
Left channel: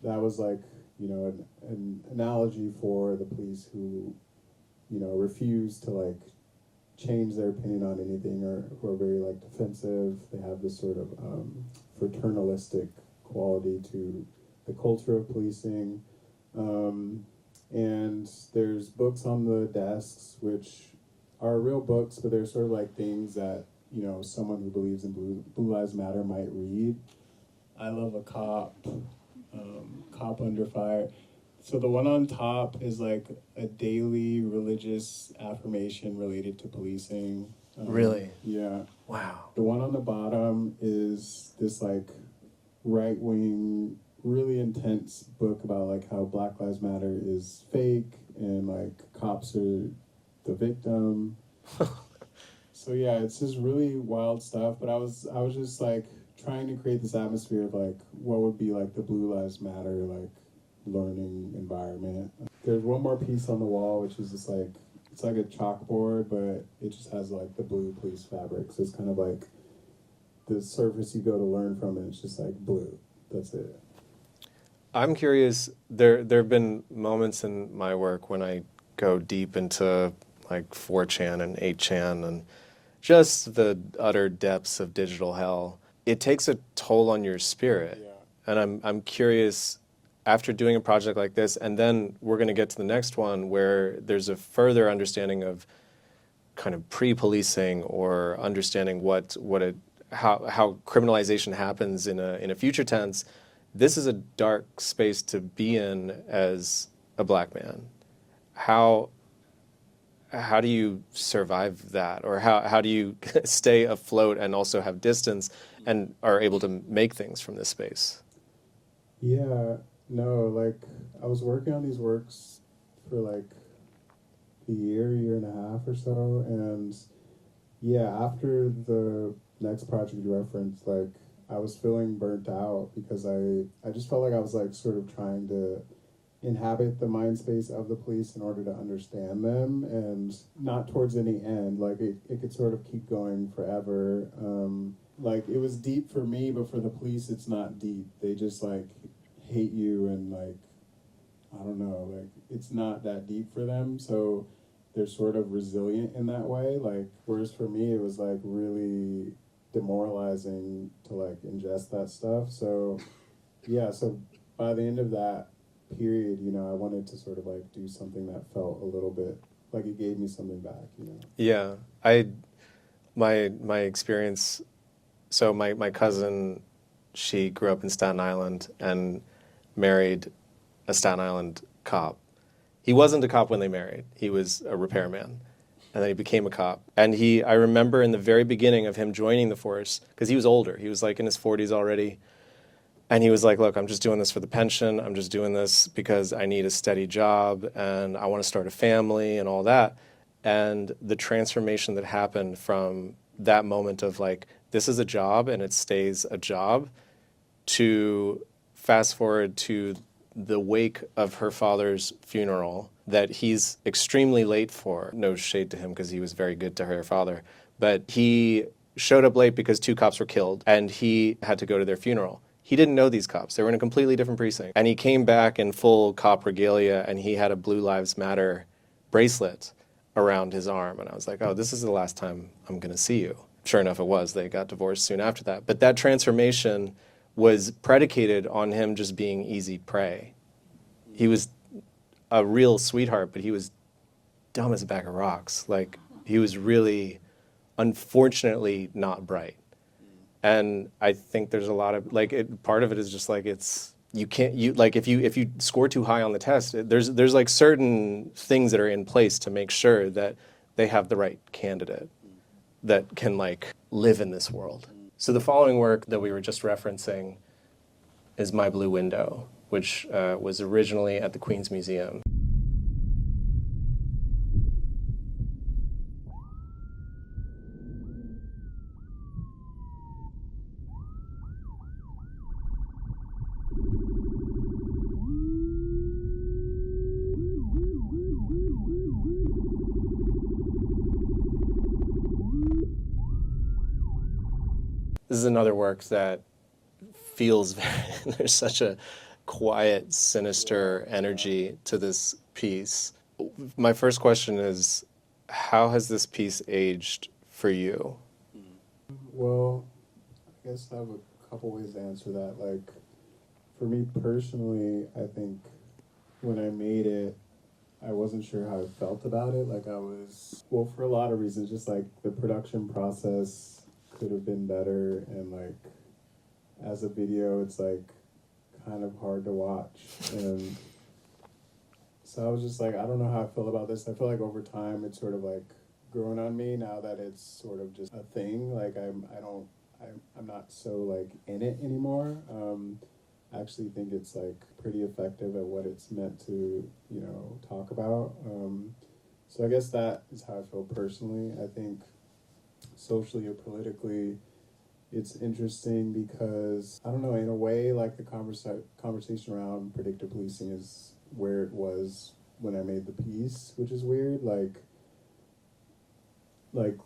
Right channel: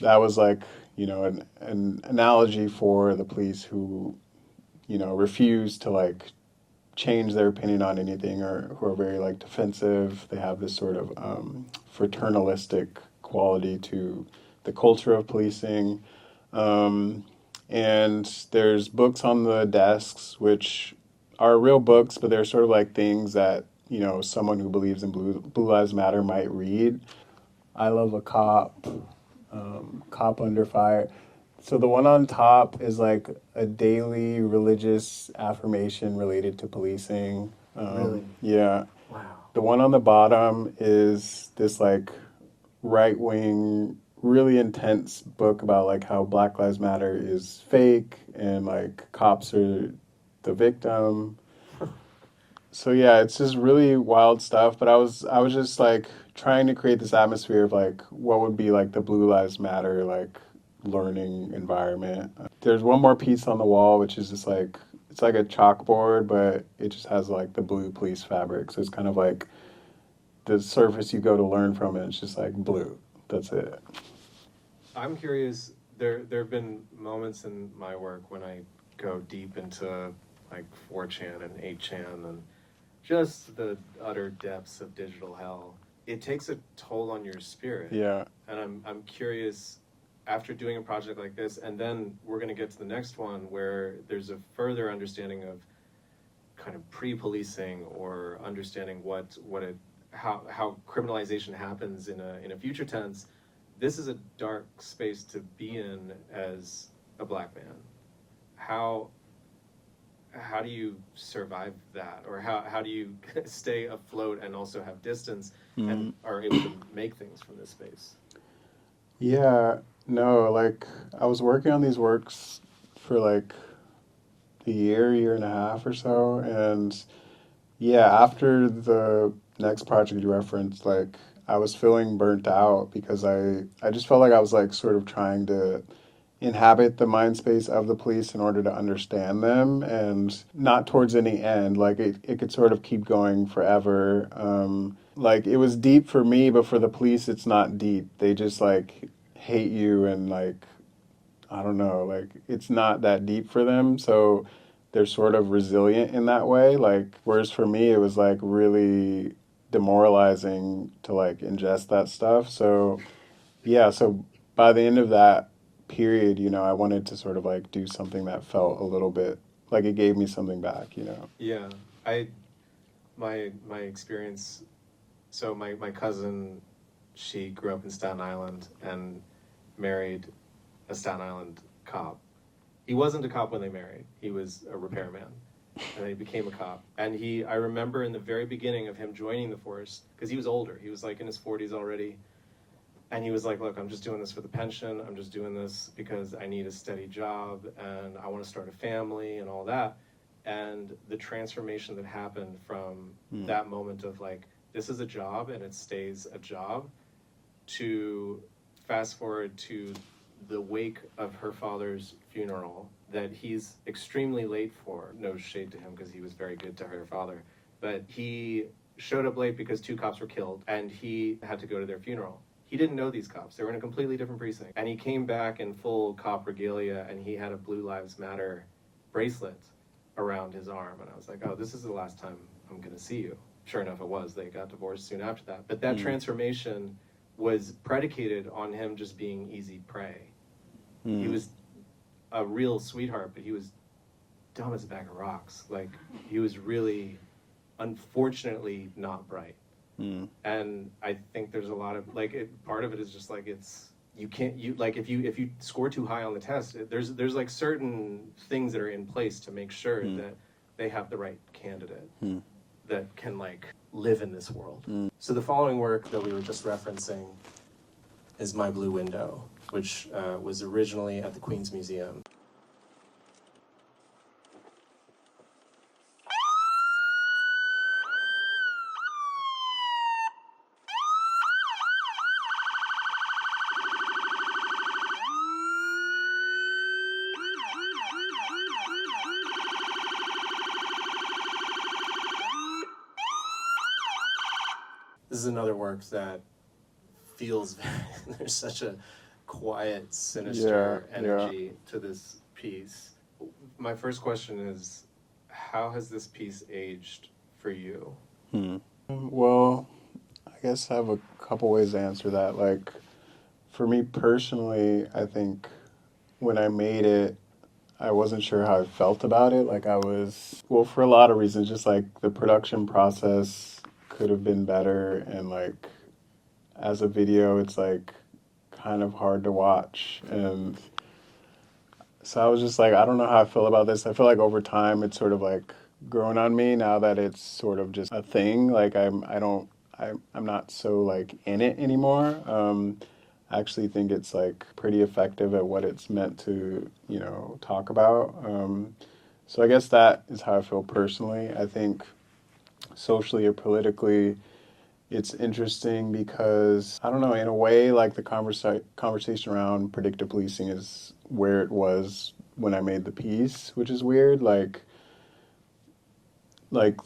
that was like, you know, an analogy for the police who, you know, refuse to like change their opinion on anything, or who are very like defensive. They have this sort of fraternalistic quality to the culture of policing. And there's books on the desks, which are real books, but they're sort of like things that, you know, someone who believes in Blue Lives Matter might read. I Love a Cop, Cop Under Fire. So the one on top is like a daily religious affirmation related to policing. Really? Yeah. Wow. The one on the bottom is this like right-wing, really intense book about like how Black Lives Matter is fake and like cops are the victim. So yeah, it's just really wild stuff. But I was just like trying to create this atmosphere of like what would be like the Blue Lives Matter like learning environment. There's one more piece on the wall, which is just like, it's like a chalkboard, but it just has like the blue police fabric. So it's kind of like the surface you go to learn from, and it's just like blue. That's it. I'm curious, there have been moments in my work when I go deep into like 4chan and 8chan and just the utter depths of digital hell. It takes a toll on your spirit. Yeah. And I'm curious, after doing a project like this, and then we're going to get to the next one where there's a further understanding of kind of pre-policing, or understanding how criminalization happens in a future tense. This is a dark space to be in as a Black man. How do you survive that, or how do you stay afloat and also have distance and are able to make things from this space? Yeah, no, like I was working on these works for like a year and a half or so, and yeah, after the next project you referenced, like I was feeling burnt out because I just felt like I was like sort of trying to inhabit the mind space of the police in order to understand them, and not towards any end. Like it could sort of keep going forever. Like it was deep for me, but for the police it's not deep. They just like hate you, and like I don't know, like it's not that deep for them. So they're sort of resilient in that way. Like whereas for me it was like really demoralizing to like ingest that stuff. So yeah, so by the end of that period, you know, I wanted to sort of like do something that felt a little bit like it gave me something back, you know. Yeah, my experience. So my cousin, she grew up in Staten Island and married a Staten Island cop. He wasn't a cop when they married. He was a repairman, and then he became a cop. And I remember in the very beginning of him joining the force, because he was older. He was like in his 40s already. And he was like, look, I'm just doing this for the pension. I'm just doing this because I need a steady job and I want to start a family and all that. and the transformation that happened from that moment of like, this is a job and it stays a job, to fast forward to the wake of her father's funeral that he's extremely late for. No shade to him because he was very good to her father. But he showed up late because 2 cops were killed and he had to go to their funeral. He didn't know these cops. They were in a completely different precinct. And he came back in full cop regalia and he had a Blue Lives Matter bracelet around his arm. And I was like, oh, this is the last time I'm going to see you. Sure enough, it was. They got divorced soon after that. But that transformation was predicated on him just being easy prey. He was a real sweetheart, but he was dumb as a bag of rocks. Like, he was really, unfortunately, not bright. And I think there's a lot of, like, part of it is just like, it's, you can't, like, if you score too high on the test, there's like certain things that are in place to make sure that they have the right candidate that can like live in this world. So the following work that we were just referencing is My Blue Window, which was originally at the Queen's Museum. This is another work that feels very, there's such a quiet, sinister energy to this piece. My first question is, how has this piece aged for you? Well, I guess I have a couple ways to answer that. Like, for me personally, I think when I made it, I wasn't sure how I felt about it. Like, I was, well, for a lot of reasons, just like the production process could have been better, and like as a video it's like kind of hard to watch, and so I was just like, I don't know how I feel about this. I feel like over time it's sort of like grown on me now that it's sort of just a thing. Like I'm not so like in it anymore. I actually think it's like pretty effective at what it's meant to, you know, talk about. So I guess that is how I feel personally. I think socially or politically, it's interesting because, I don't know, in a way, like the conversation around predictive policing is where it was when I made the piece, which is weird. Like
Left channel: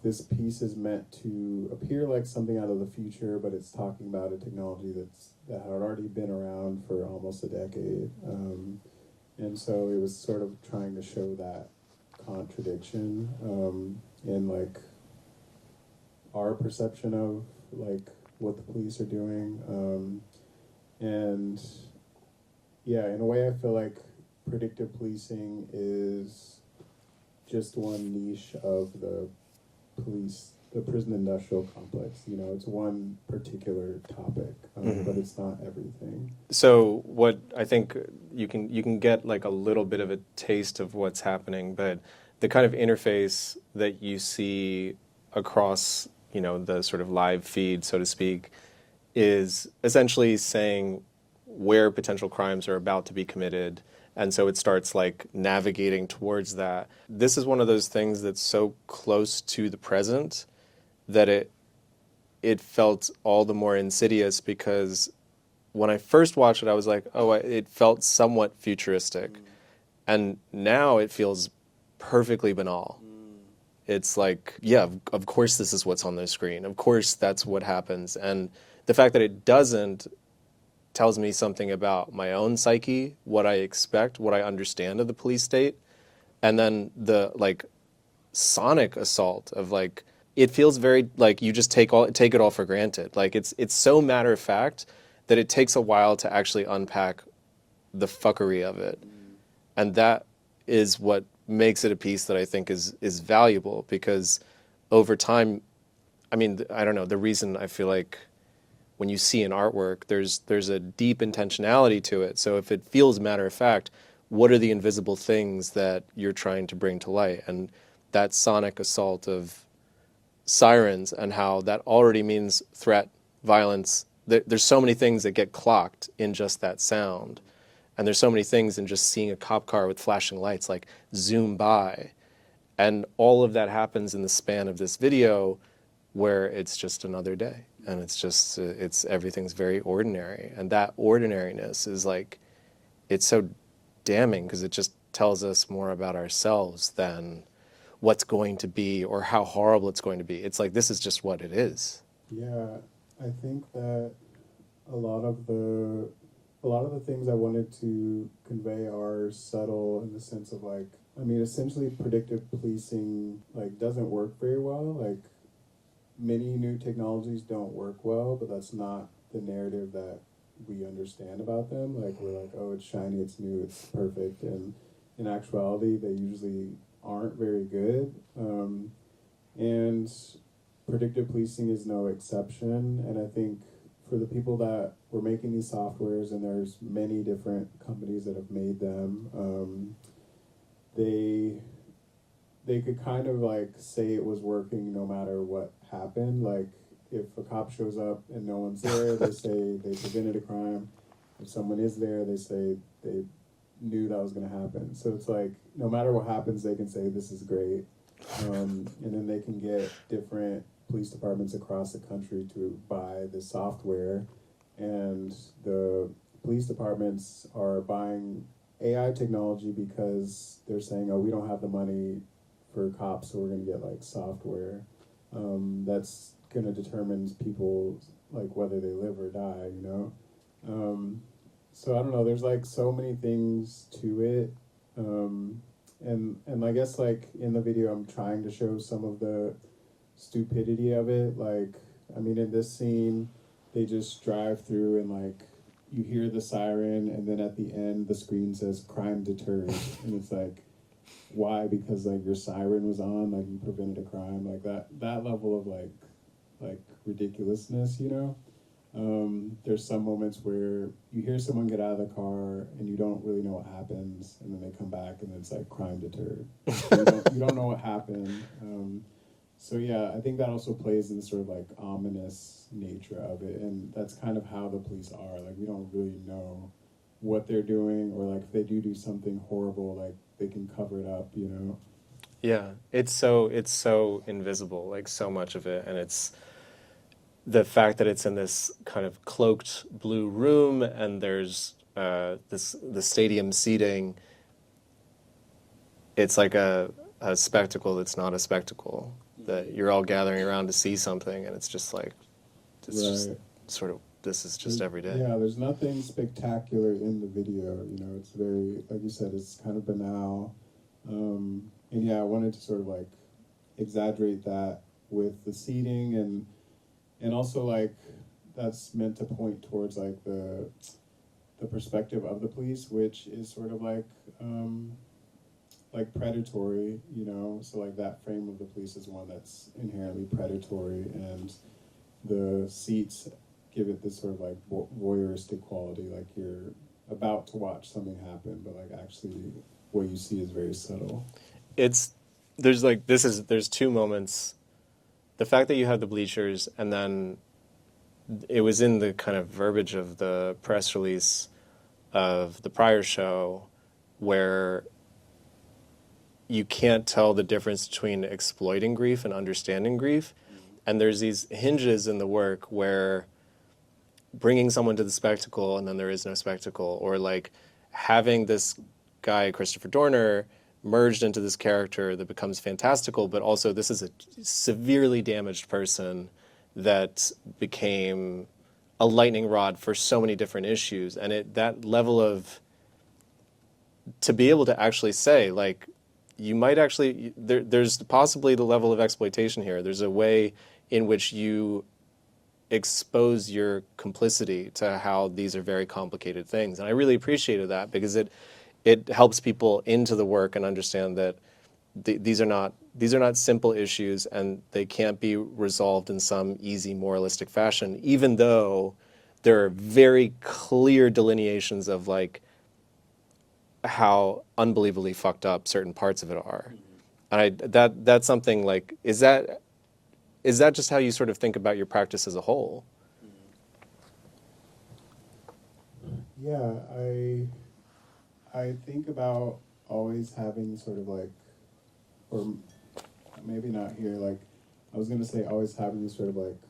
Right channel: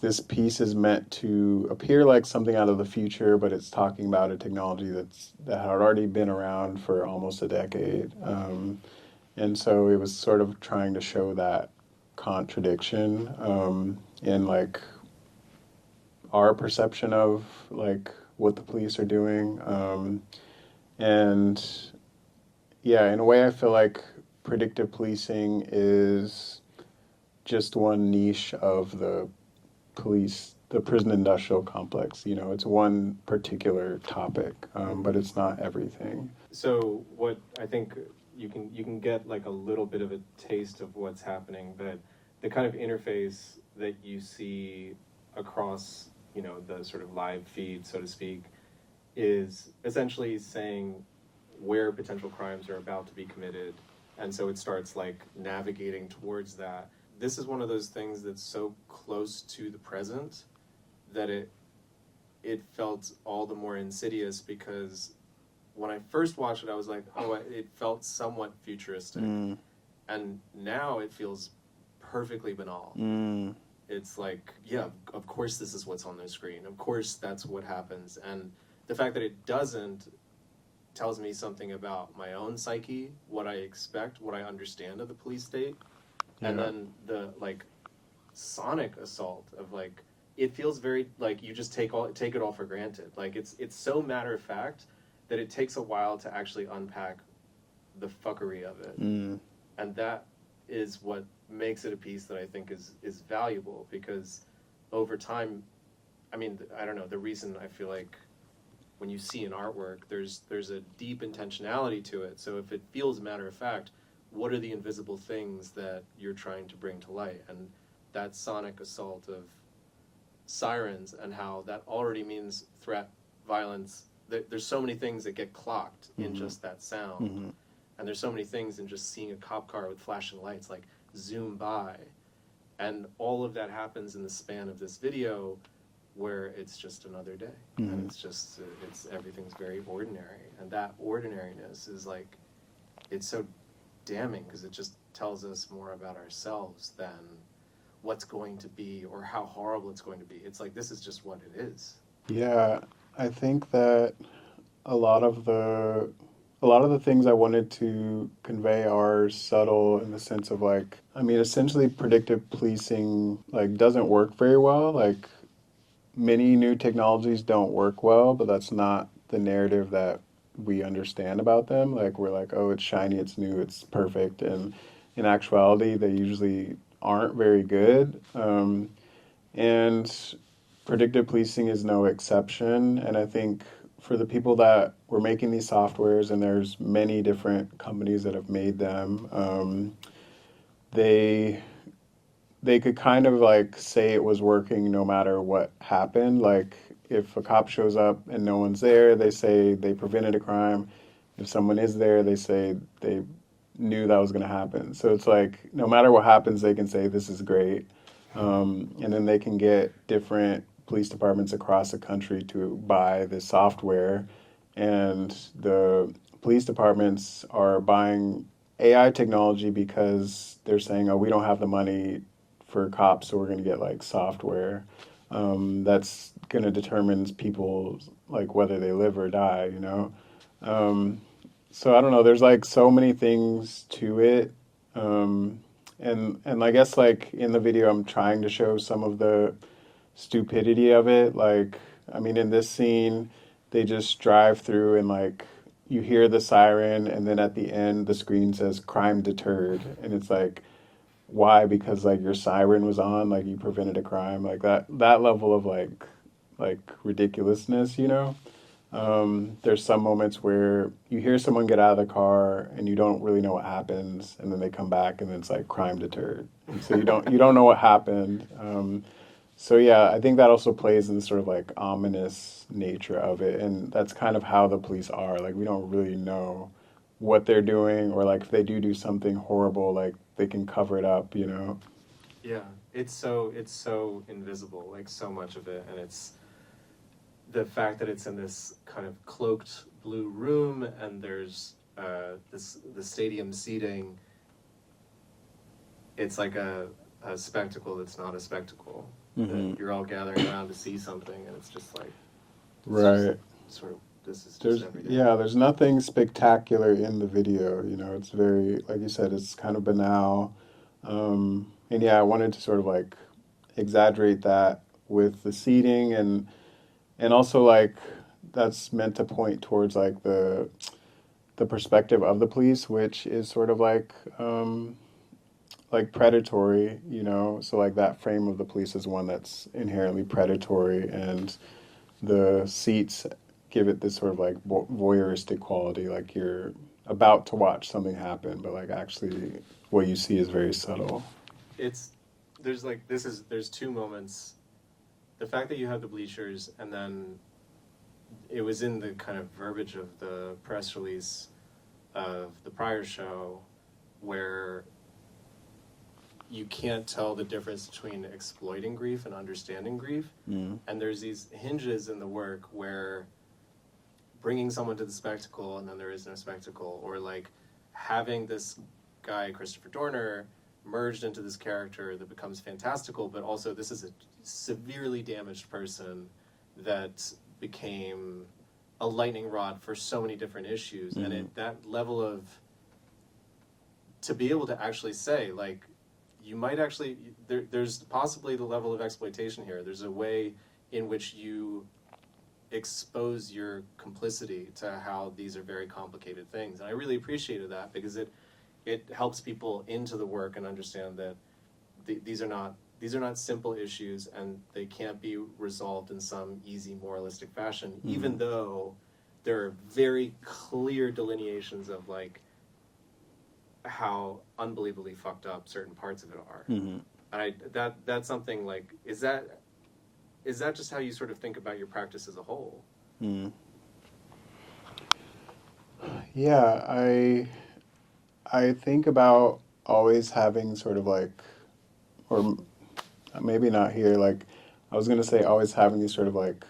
this piece is meant to appear like something out of the future, but it's talking about a technology that had already been around for almost a decade. And so it was sort of trying to show that contradiction in like our perception of like what the police are doing. And yeah, in a way I feel like predictive policing is just one niche of the prison industrial complex. You know, it's one particular topic, but it's not everything. So what I think you can get like a little bit of a taste of what's happening, but the kind of interface that you see across, you know, the sort of live feed, so to speak, is essentially saying where potential crimes are about to be committed. And so it starts like navigating towards that. This is one of those things that's so close to the present that it felt all the more insidious, because when I first watched it, I was like, oh, it felt somewhat futuristic. And now it feels perfectly banal. It's like, yeah, of course this is what's on the screen. Of course that's what happens. And the fact that it doesn't tells me something about my own psyche, what I expect, what I understand of the police state. And then the like sonic assault of like, it feels very like you just take it all for granted. Like it's so matter of fact that it takes a while to actually unpack the fuckery of it. And that is what makes it a piece that I think is valuable, because over time, I mean, I don't know, the reason I feel like when you see an artwork, there's a deep intentionality to it. So if it feels matter of fact, what are the invisible things that you're trying to bring to light? And that sonic assault of sirens and how that already means threat, violence. There's so many things that get clocked in just that sound. And there's so many things in just seeing a cop car with flashing lights like zoom by. And all of that happens in the span of this video where it's just another day. And it's just, everything's very ordinary. And that ordinariness is like, it's so damning because it just tells us more about ourselves than what's going to be or how horrible it's going to be. It's like, this is just what it is. Yeah, I think that a lot of the things I wanted to convey are subtle in the sense of like, I mean, essentially predictive policing like doesn't work very well. Like many new technologies don't work well, but that's not the narrative that we understand about them. Like we're like, oh, it's shiny, it's new, it's perfect, and in actuality, they usually aren't very good. And predictive policing is no exception. And I think for the people that were making these softwares, and there's many different companies that have made them, they could kind of like say it was working no matter what happened. Like if a cop shows up and no one's there, they say they prevented a crime. If someone is there, they say they knew that was going to happen. So it's like no matter what happens, they can say this is great. And then they can get different police departments across the country to buy this software. And the police departments are buying AI technology because they're saying, oh, we don't have the money for cops, so we're going to get like software that's going to determine people like whether they live or die, you know? So I don't know, there's like so many things to it. And I guess like in the video, I'm trying to show some of the stupidity of it. Like, I mean, in this scene, they just drive through and like you hear the siren, and then at the end, the screen says crime deterred. And it's like, why? Because like your siren was on, like you prevented a crime, like that level of like ridiculousness, you know? There's some moments where you hear someone get out of the car and you don't really know what happens, and then they come back and it's like crime deterred. So you don't know what happened. So yeah, I think that also plays in the sort of like ominous nature of it, and that's kind of how the police are. Like we don't really know what they're doing, or like if they do something horrible, like they can cover it up, you know. Yeah, it's so invisible, like so much of it, and it's the fact that it's in this kind of cloaked blue room, and there's the stadium seating. It's like a spectacle that's not a spectacle. That you're all gathering around to see something, and it's just like, it's just Right. sort of, this is just every day. Yeah, there's nothing spectacular in the video. You know, it's very, like you said, it's kind of banal. And yeah, I wanted to sort of like exaggerate that with the seating, and also like that's meant to point towards like the perspective of the police, which is sort of like predatory, you know. So like that frame of the police is one that's inherently predatory, and the seats give it this sort of like voyeuristic quality, like you're about to watch something happen, but like actually what you see is very subtle. There's two moments. The fact that you have the bleachers, and then it was in the kind of verbiage of the press release of the prior show where you can't tell the difference between exploiting grief and understanding grief. And there's these hinges in the work where bringing someone to the spectacle and then there is no spectacle, or like having this guy, Christopher Dorner, merged into this character that becomes fantastical, but also this is a severely damaged person that became a lightning rod for so many different issues. And that level of, to be able to actually say, like, you might actually, there's possibly the level of exploitation here. There's a way in which you expose your complicity to how these are very complicated things. And I really appreciated that because it helps people into the work and understand that these are not simple issues, and they can't be resolved in some easy moralistic fashion, even though there are very clear delineations of like how unbelievably fucked up certain parts of it are. And that's something like, is that just how you sort of think about your practice as a whole? Yeah, I think about always having sort of like or maybe not here. Like, I was gonna say, always having these sort of like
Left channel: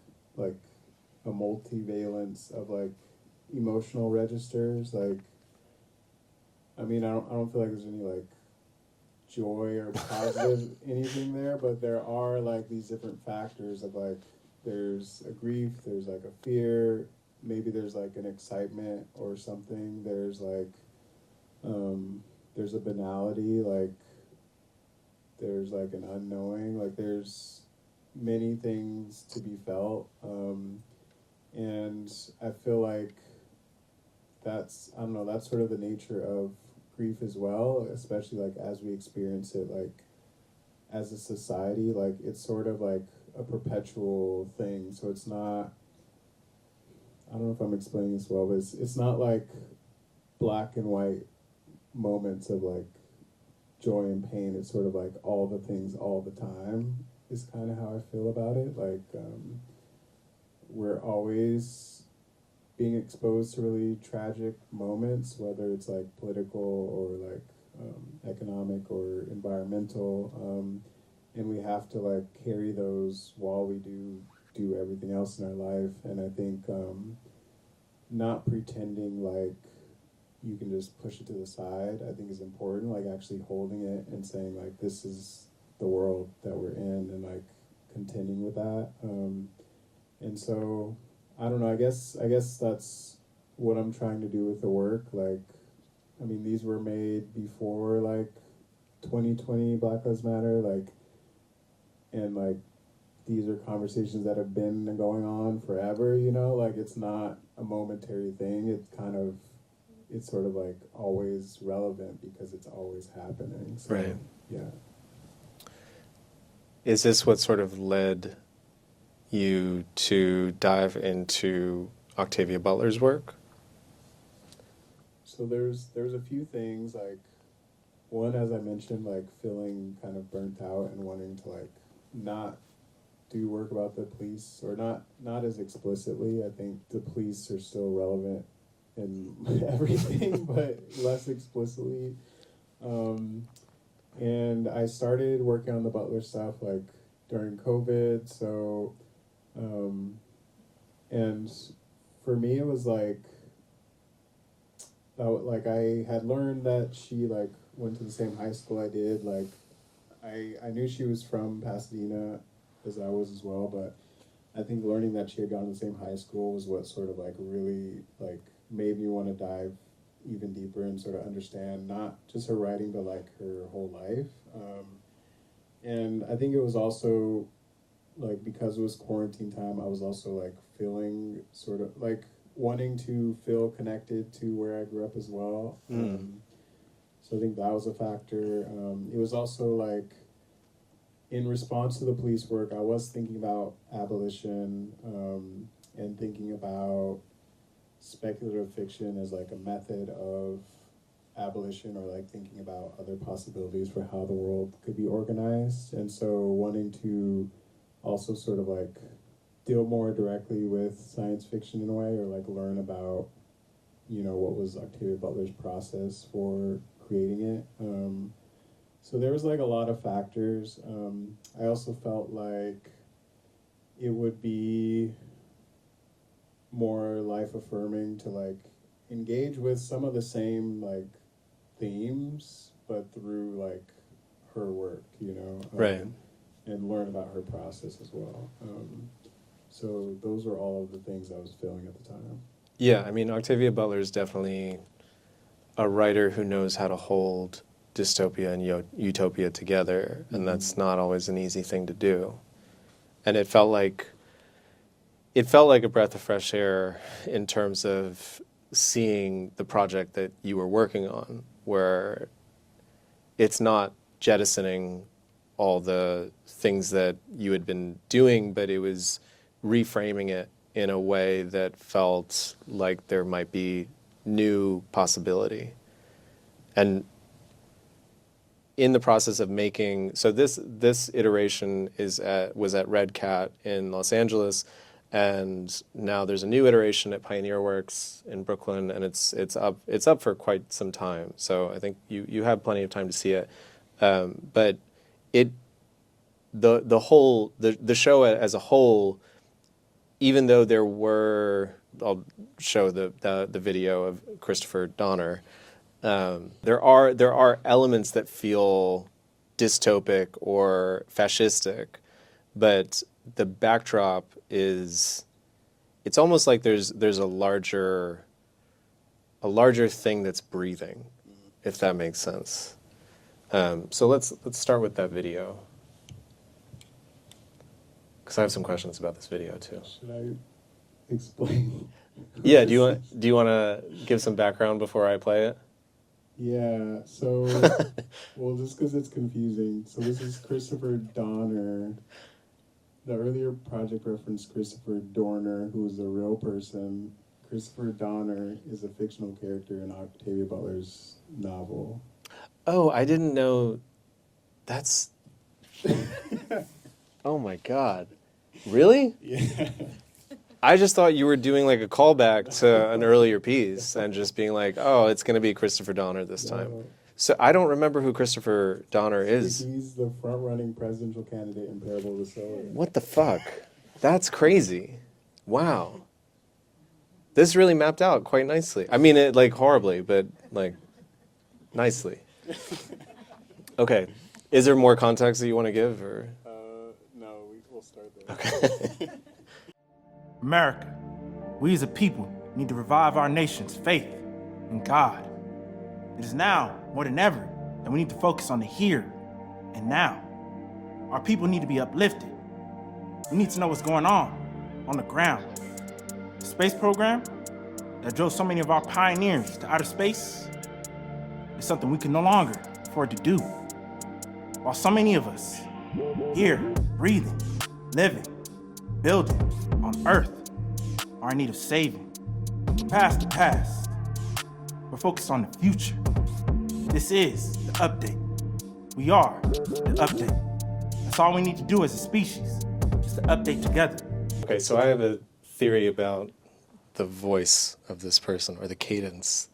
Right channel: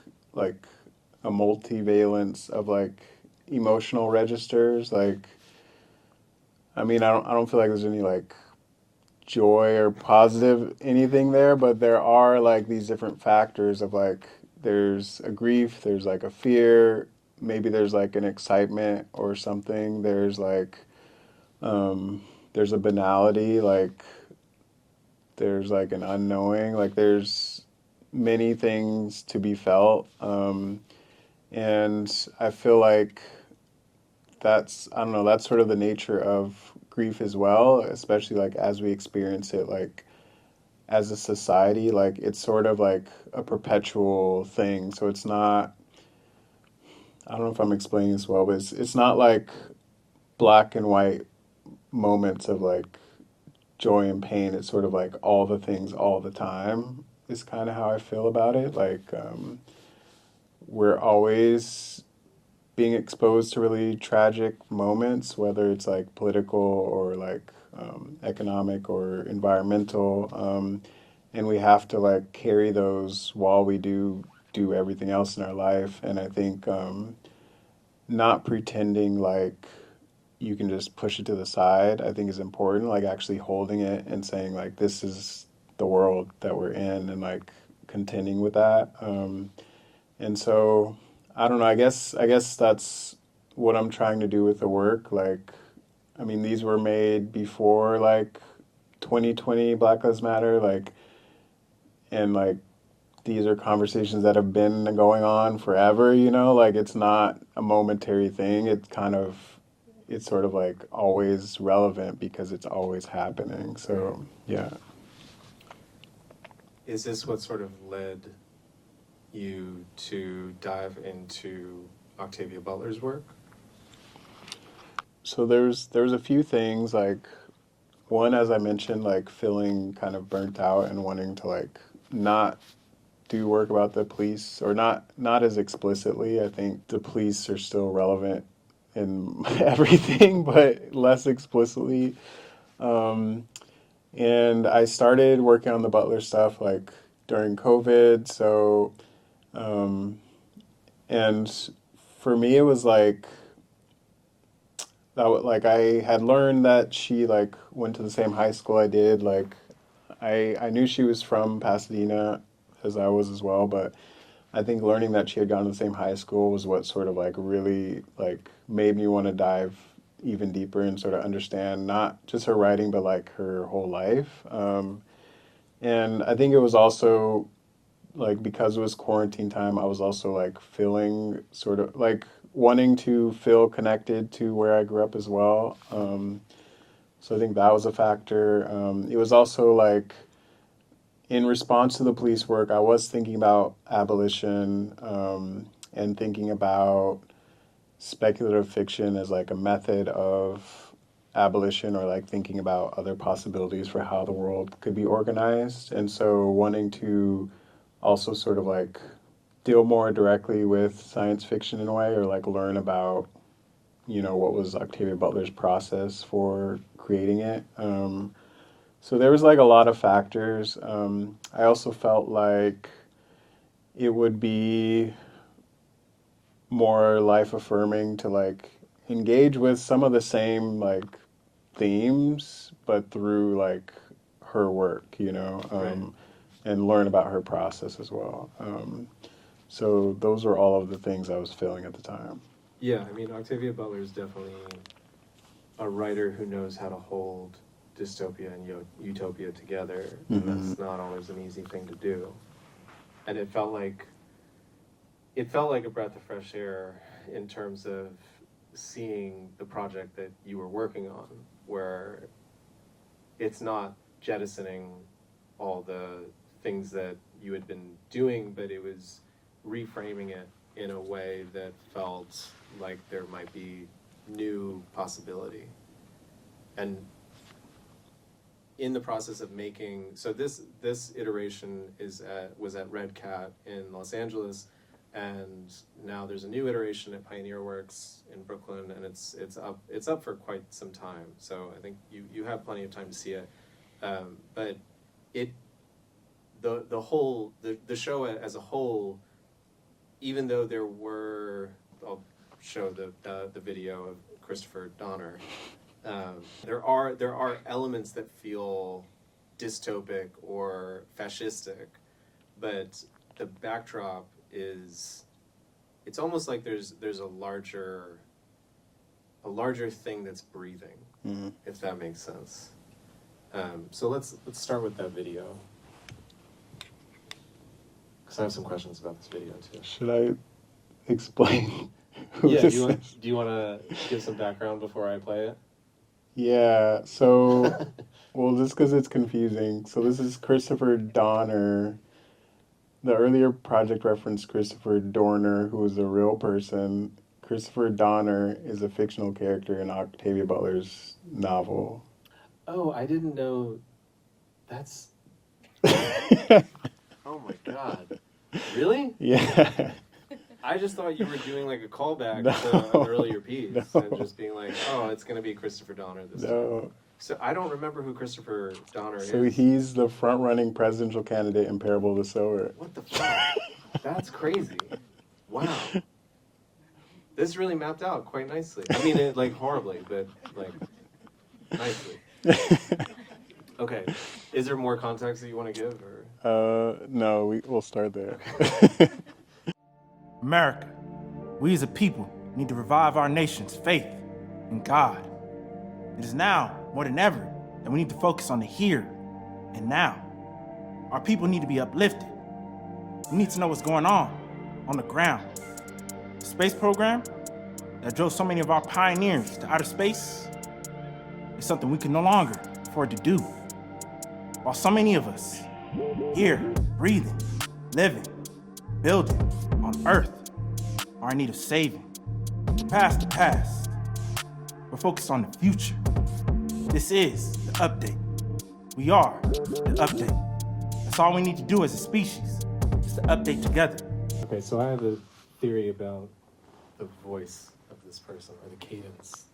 a multivalence of like emotional registers. Like, I mean, I don't feel like there's any like joy or positive anything there, but there are like these different factors of like there's a grief, there's like a fear, maybe there's like an excitement or something. There's like there's a banality, like there's like an unknowing, like there's many things to be felt. And I feel like that's, I don't know, that's sort of the nature of grief as well, especially like as we experience it, like as a society, like it's sort of like a perpetual thing. So it's not, I don't know if I'm explaining this well, but it's not like black and white moments of like joy and pain. It's sort of like all the things all the time is kind of how I feel about it. Like we're always being exposed to really tragic moments, whether it's like political or like economic or environmental, and we have to like carry those while we do everything else in our life. And I think not pretending like you can just push it to the side, I think is important. Like actually holding it and saying like this is the world that we're in, and like contending with that. And so I don't know. I guess that's what I'm trying to do with the work. Like, I mean, these were made before like 2020 Black Lives Matter. Like, and like these are conversations that have been going on forever. You know, like it's not a momentary thing. It's sort of like always relevant because it's always happening. So Right. yeah. Is this what sort of led you to dive into Octavia Butler's work? So there's a few things, like one, as I mentioned, like feeling kind of burnt out and wanting to like not do work about the police, or not as explicitly. I think the police are still relevant in everything, but less explicitly. And I started working on the Butler stuff like during COVID. So and for me it was like like I had learned that she like went to the same high school I did. Like I knew she was from Pasadena as I was as well, but I think learning that she had gone to the same high school was what sort of like really like made me want to dive even deeper and sort of understand not just her writing but like her whole life. And I think it was also like because it was quarantine time, I was also like feeling sort of like wanting to feel connected to where I grew up as well. So I think that was a factor. It was also like in response to the police work, I was thinking about abolition, and thinking about speculative fiction as like a method of abolition, or like thinking about other possibilities for how the world could be organized. And so wanting to also sort of like deal more directly with science fiction in a way, or like learn about, you know, what was Octavia Butler's process for creating it. So there was like a lot of factors. I also felt like it would be more life affirming to like engage with some of the same like themes, but through like her work, you know, Right. and learn about her process as well. So those were all of the things I was feeling at the time. Yeah, I mean, Octavia Butler is definitely a writer who knows how to hold dystopia and utopia together, and that's not always an easy thing to do. And it felt like a breath of fresh air in terms of seeing the project that you were working on, where it's not jettisoning all the things that you had been doing, but it was reframing it in a way that felt like there might be new possibility. And in the process of making, so this iteration was at Red Cat in Los Angeles, and now there's a new iteration at Pioneer Works in Brooklyn, and it's up for quite some time. So I think you have plenty of time to see it. But it the show as a whole, even though there were, I'll show the video of Christopher Donner, there are elements that feel dystopic or fascistic, but the backdrop is, it's almost like there's a larger thing that's breathing, if that makes sense. So let's start with that video, because I have some questions about this video too. Should I explain? who Yeah, this do you want to give some background before I play it? Yeah, so, well, just because it's confusing. So this is Christopher Donner. The earlier project referenced Christopher Dorner, who is a real person. Christopher Donner is a fictional character in Octavia Butler's novel. Oh, I didn't know. That's. Oh my God. Really? Yeah. I just thought you were doing like a callback to an earlier piece and just being like, oh, it's going to be Christopher Donner this time. So I don't remember who Christopher Donner is. He's the front-running presidential candidate in Parable of the Sower. What the fuck? That's crazy. Wow. This really mapped out quite nicely. I mean, it like horribly, but like nicely. Okay. Is there more context that you want to give, or? No, we'll start there. Okay. America, we as a people need to revive our nation's faith in God. It is now, more than ever, that we need to focus on the here and now. Our people need to be uplifted. We need to know what's going on the ground. The space program that drove so many of our pioneers to outer space is something we can no longer afford to do. While so many of us here, breathing, living, building on Earth are in need of saving. Past the past. We're focused on the future. This is the update. We are the update. That's all we need to do as a species, is to update together. Okay, so I have a theory about the voice of this person, or the cadence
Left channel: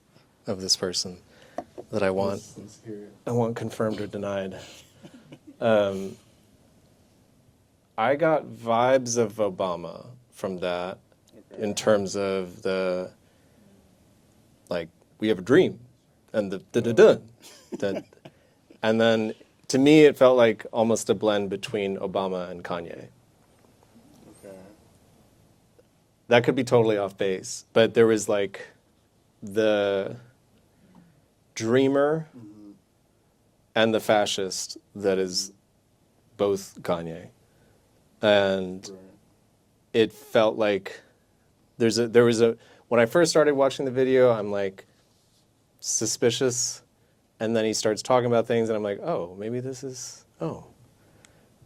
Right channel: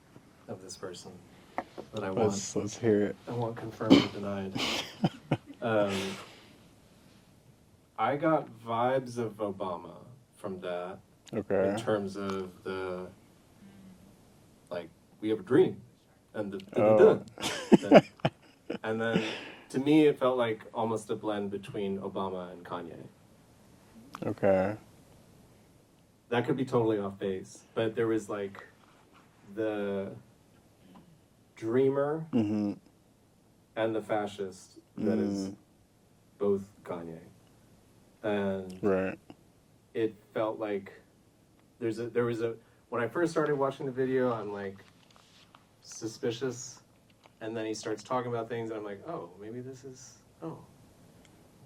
of this person, that I want. Let's hear it. I want confirmed or denied. I got vibes of Obama from that. Okay. In terms of the, like, we have a dream, and the and then to me it felt like almost a blend between Obama and Kanye. Okay. That could be totally off base, but there was like the dreamer and the fascist that is both Kanye, and Right. it felt like there was a when I first started watching the video, I'm like suspicious, and then he starts talking about things and I'm like, oh, maybe this is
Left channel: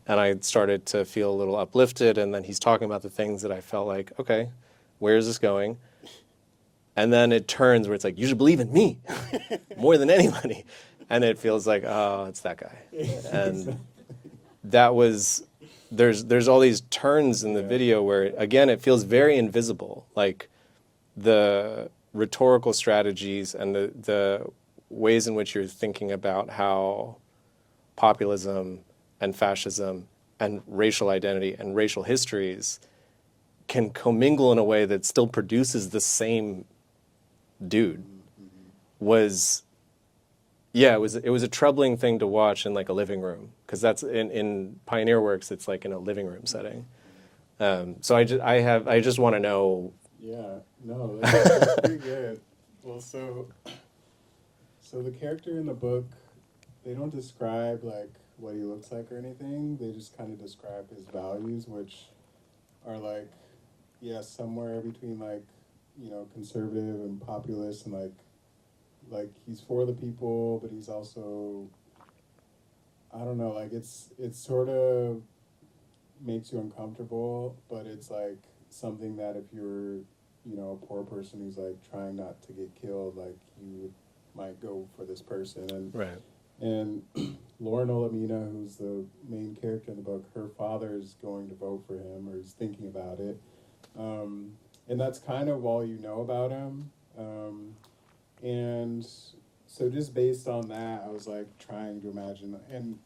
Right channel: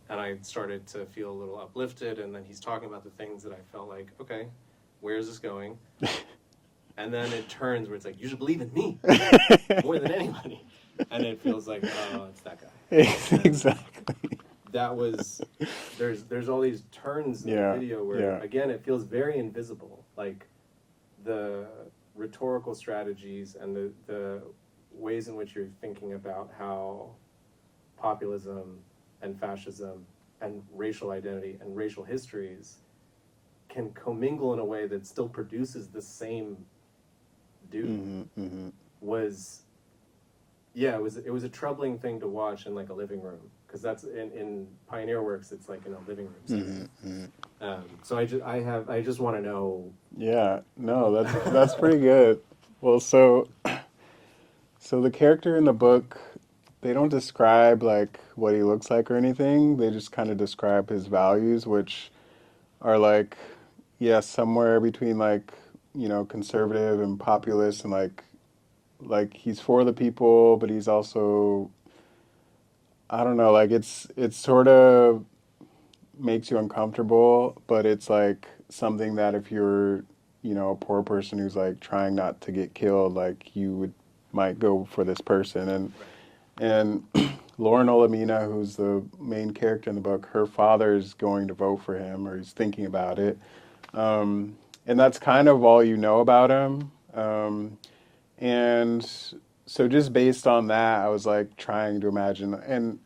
and I started to feel a little uplifted, and then he's talking about the things that I felt like, okay, where is this going? And then it turns where it's like, you should believe in me more than anybody, and it feels like, oh, it's that guy. Exactly. That was, there's all these turns in the video where, again, it feels very invisible. Like the rhetorical strategies and the ways in which you're thinking about how populism and fascism and racial identity and racial histories can commingle in a way that still produces the same dude was, it was a troubling thing to watch in like a living room, because that's in Pioneer Works, it's like in a living room setting. So I just want to know. Yeah, no, that's pretty good. Well, so the character in the book, they don't describe like what he looks like or anything. They just kind of describe his values, which are like, somewhere between like, conservative and populist, and like he's for the people, but he's also, I don't know, like it's sort of makes you uncomfortable, but it's like something that if you're, a poor person who's like trying not to get killed, like you might go for this person. And Right. And Lauren Olamina, who's the main character in the book, her father's going to vote for him, or he's thinking about it. And that's kind of all you know about him. And so just based on that, I was like trying to imagine. And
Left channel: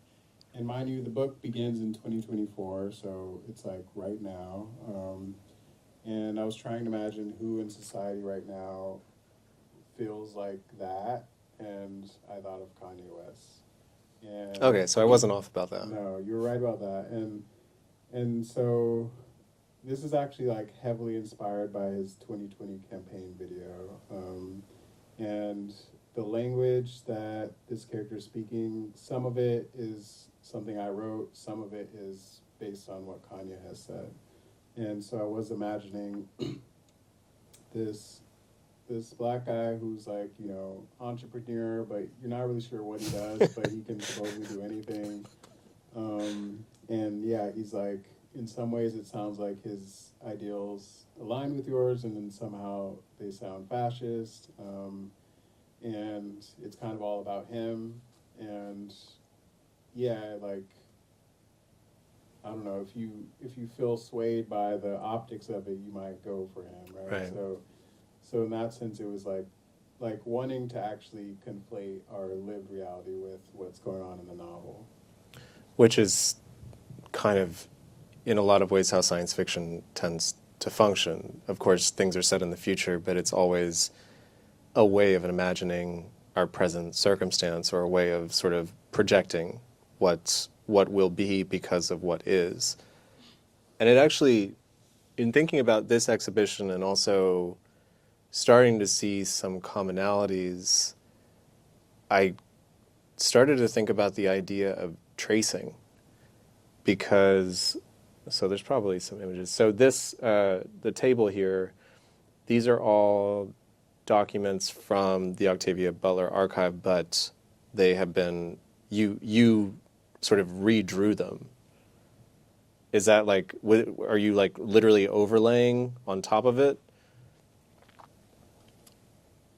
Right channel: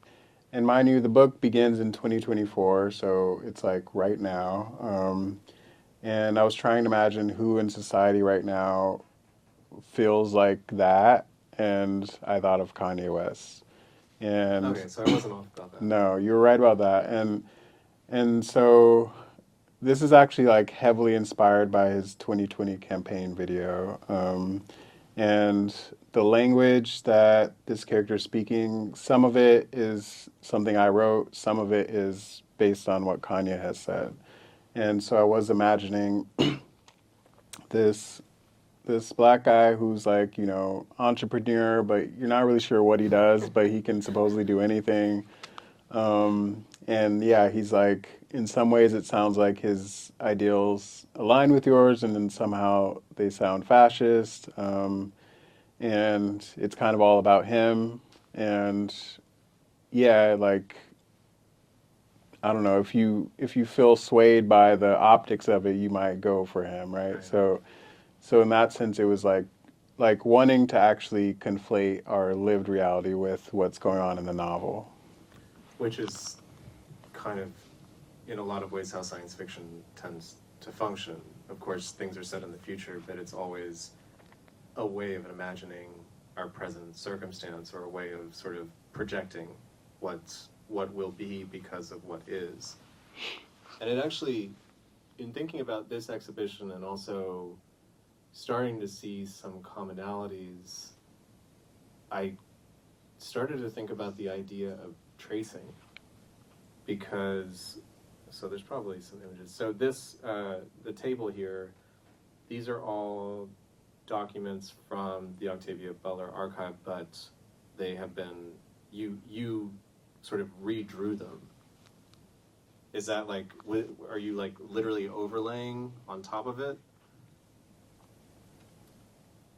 and mind you, the book begins in 2024, so it's like right now. And I was trying to imagine who in society right now feels like that, and I thought of Kanye West. And Okay, so I wasn't off about that. no, you were right about that. And so this is actually like heavily inspired by his 2020 campaign video. And the language that this character is speaking, some of it is something I wrote, some of it is based on what Kanye has said. And so I was imagining this black guy who's like, you know, entrepreneur, but you're not really sure what he does, but he can supposedly do anything. And yeah, he's like, in some ways it sounds like his ideals align with yours, and then somehow they sound fascist. And it's kind of all about him. And yeah, like, I don't know, if you feel swayed by the optics of it, you might go for him, right? Right. So in that sense, it was like wanting to actually conflate our lived reality with what's going on in the novel. Which is kind of, in a lot of ways, how science fiction tends to function. Of course, things are set in the future, but it's always a way of imagining our present circumstance, or a way of sort of projecting what will be because of what is. And it actually, in thinking about this exhibition and also starting to see some commonalities, I started to think about the idea of tracing, because, so there's probably some images. So this, the table here, these are all documents from the Octavia Butler archive, but they have been, you sort of redrew them. Is that like, are you like literally overlaying on top of it?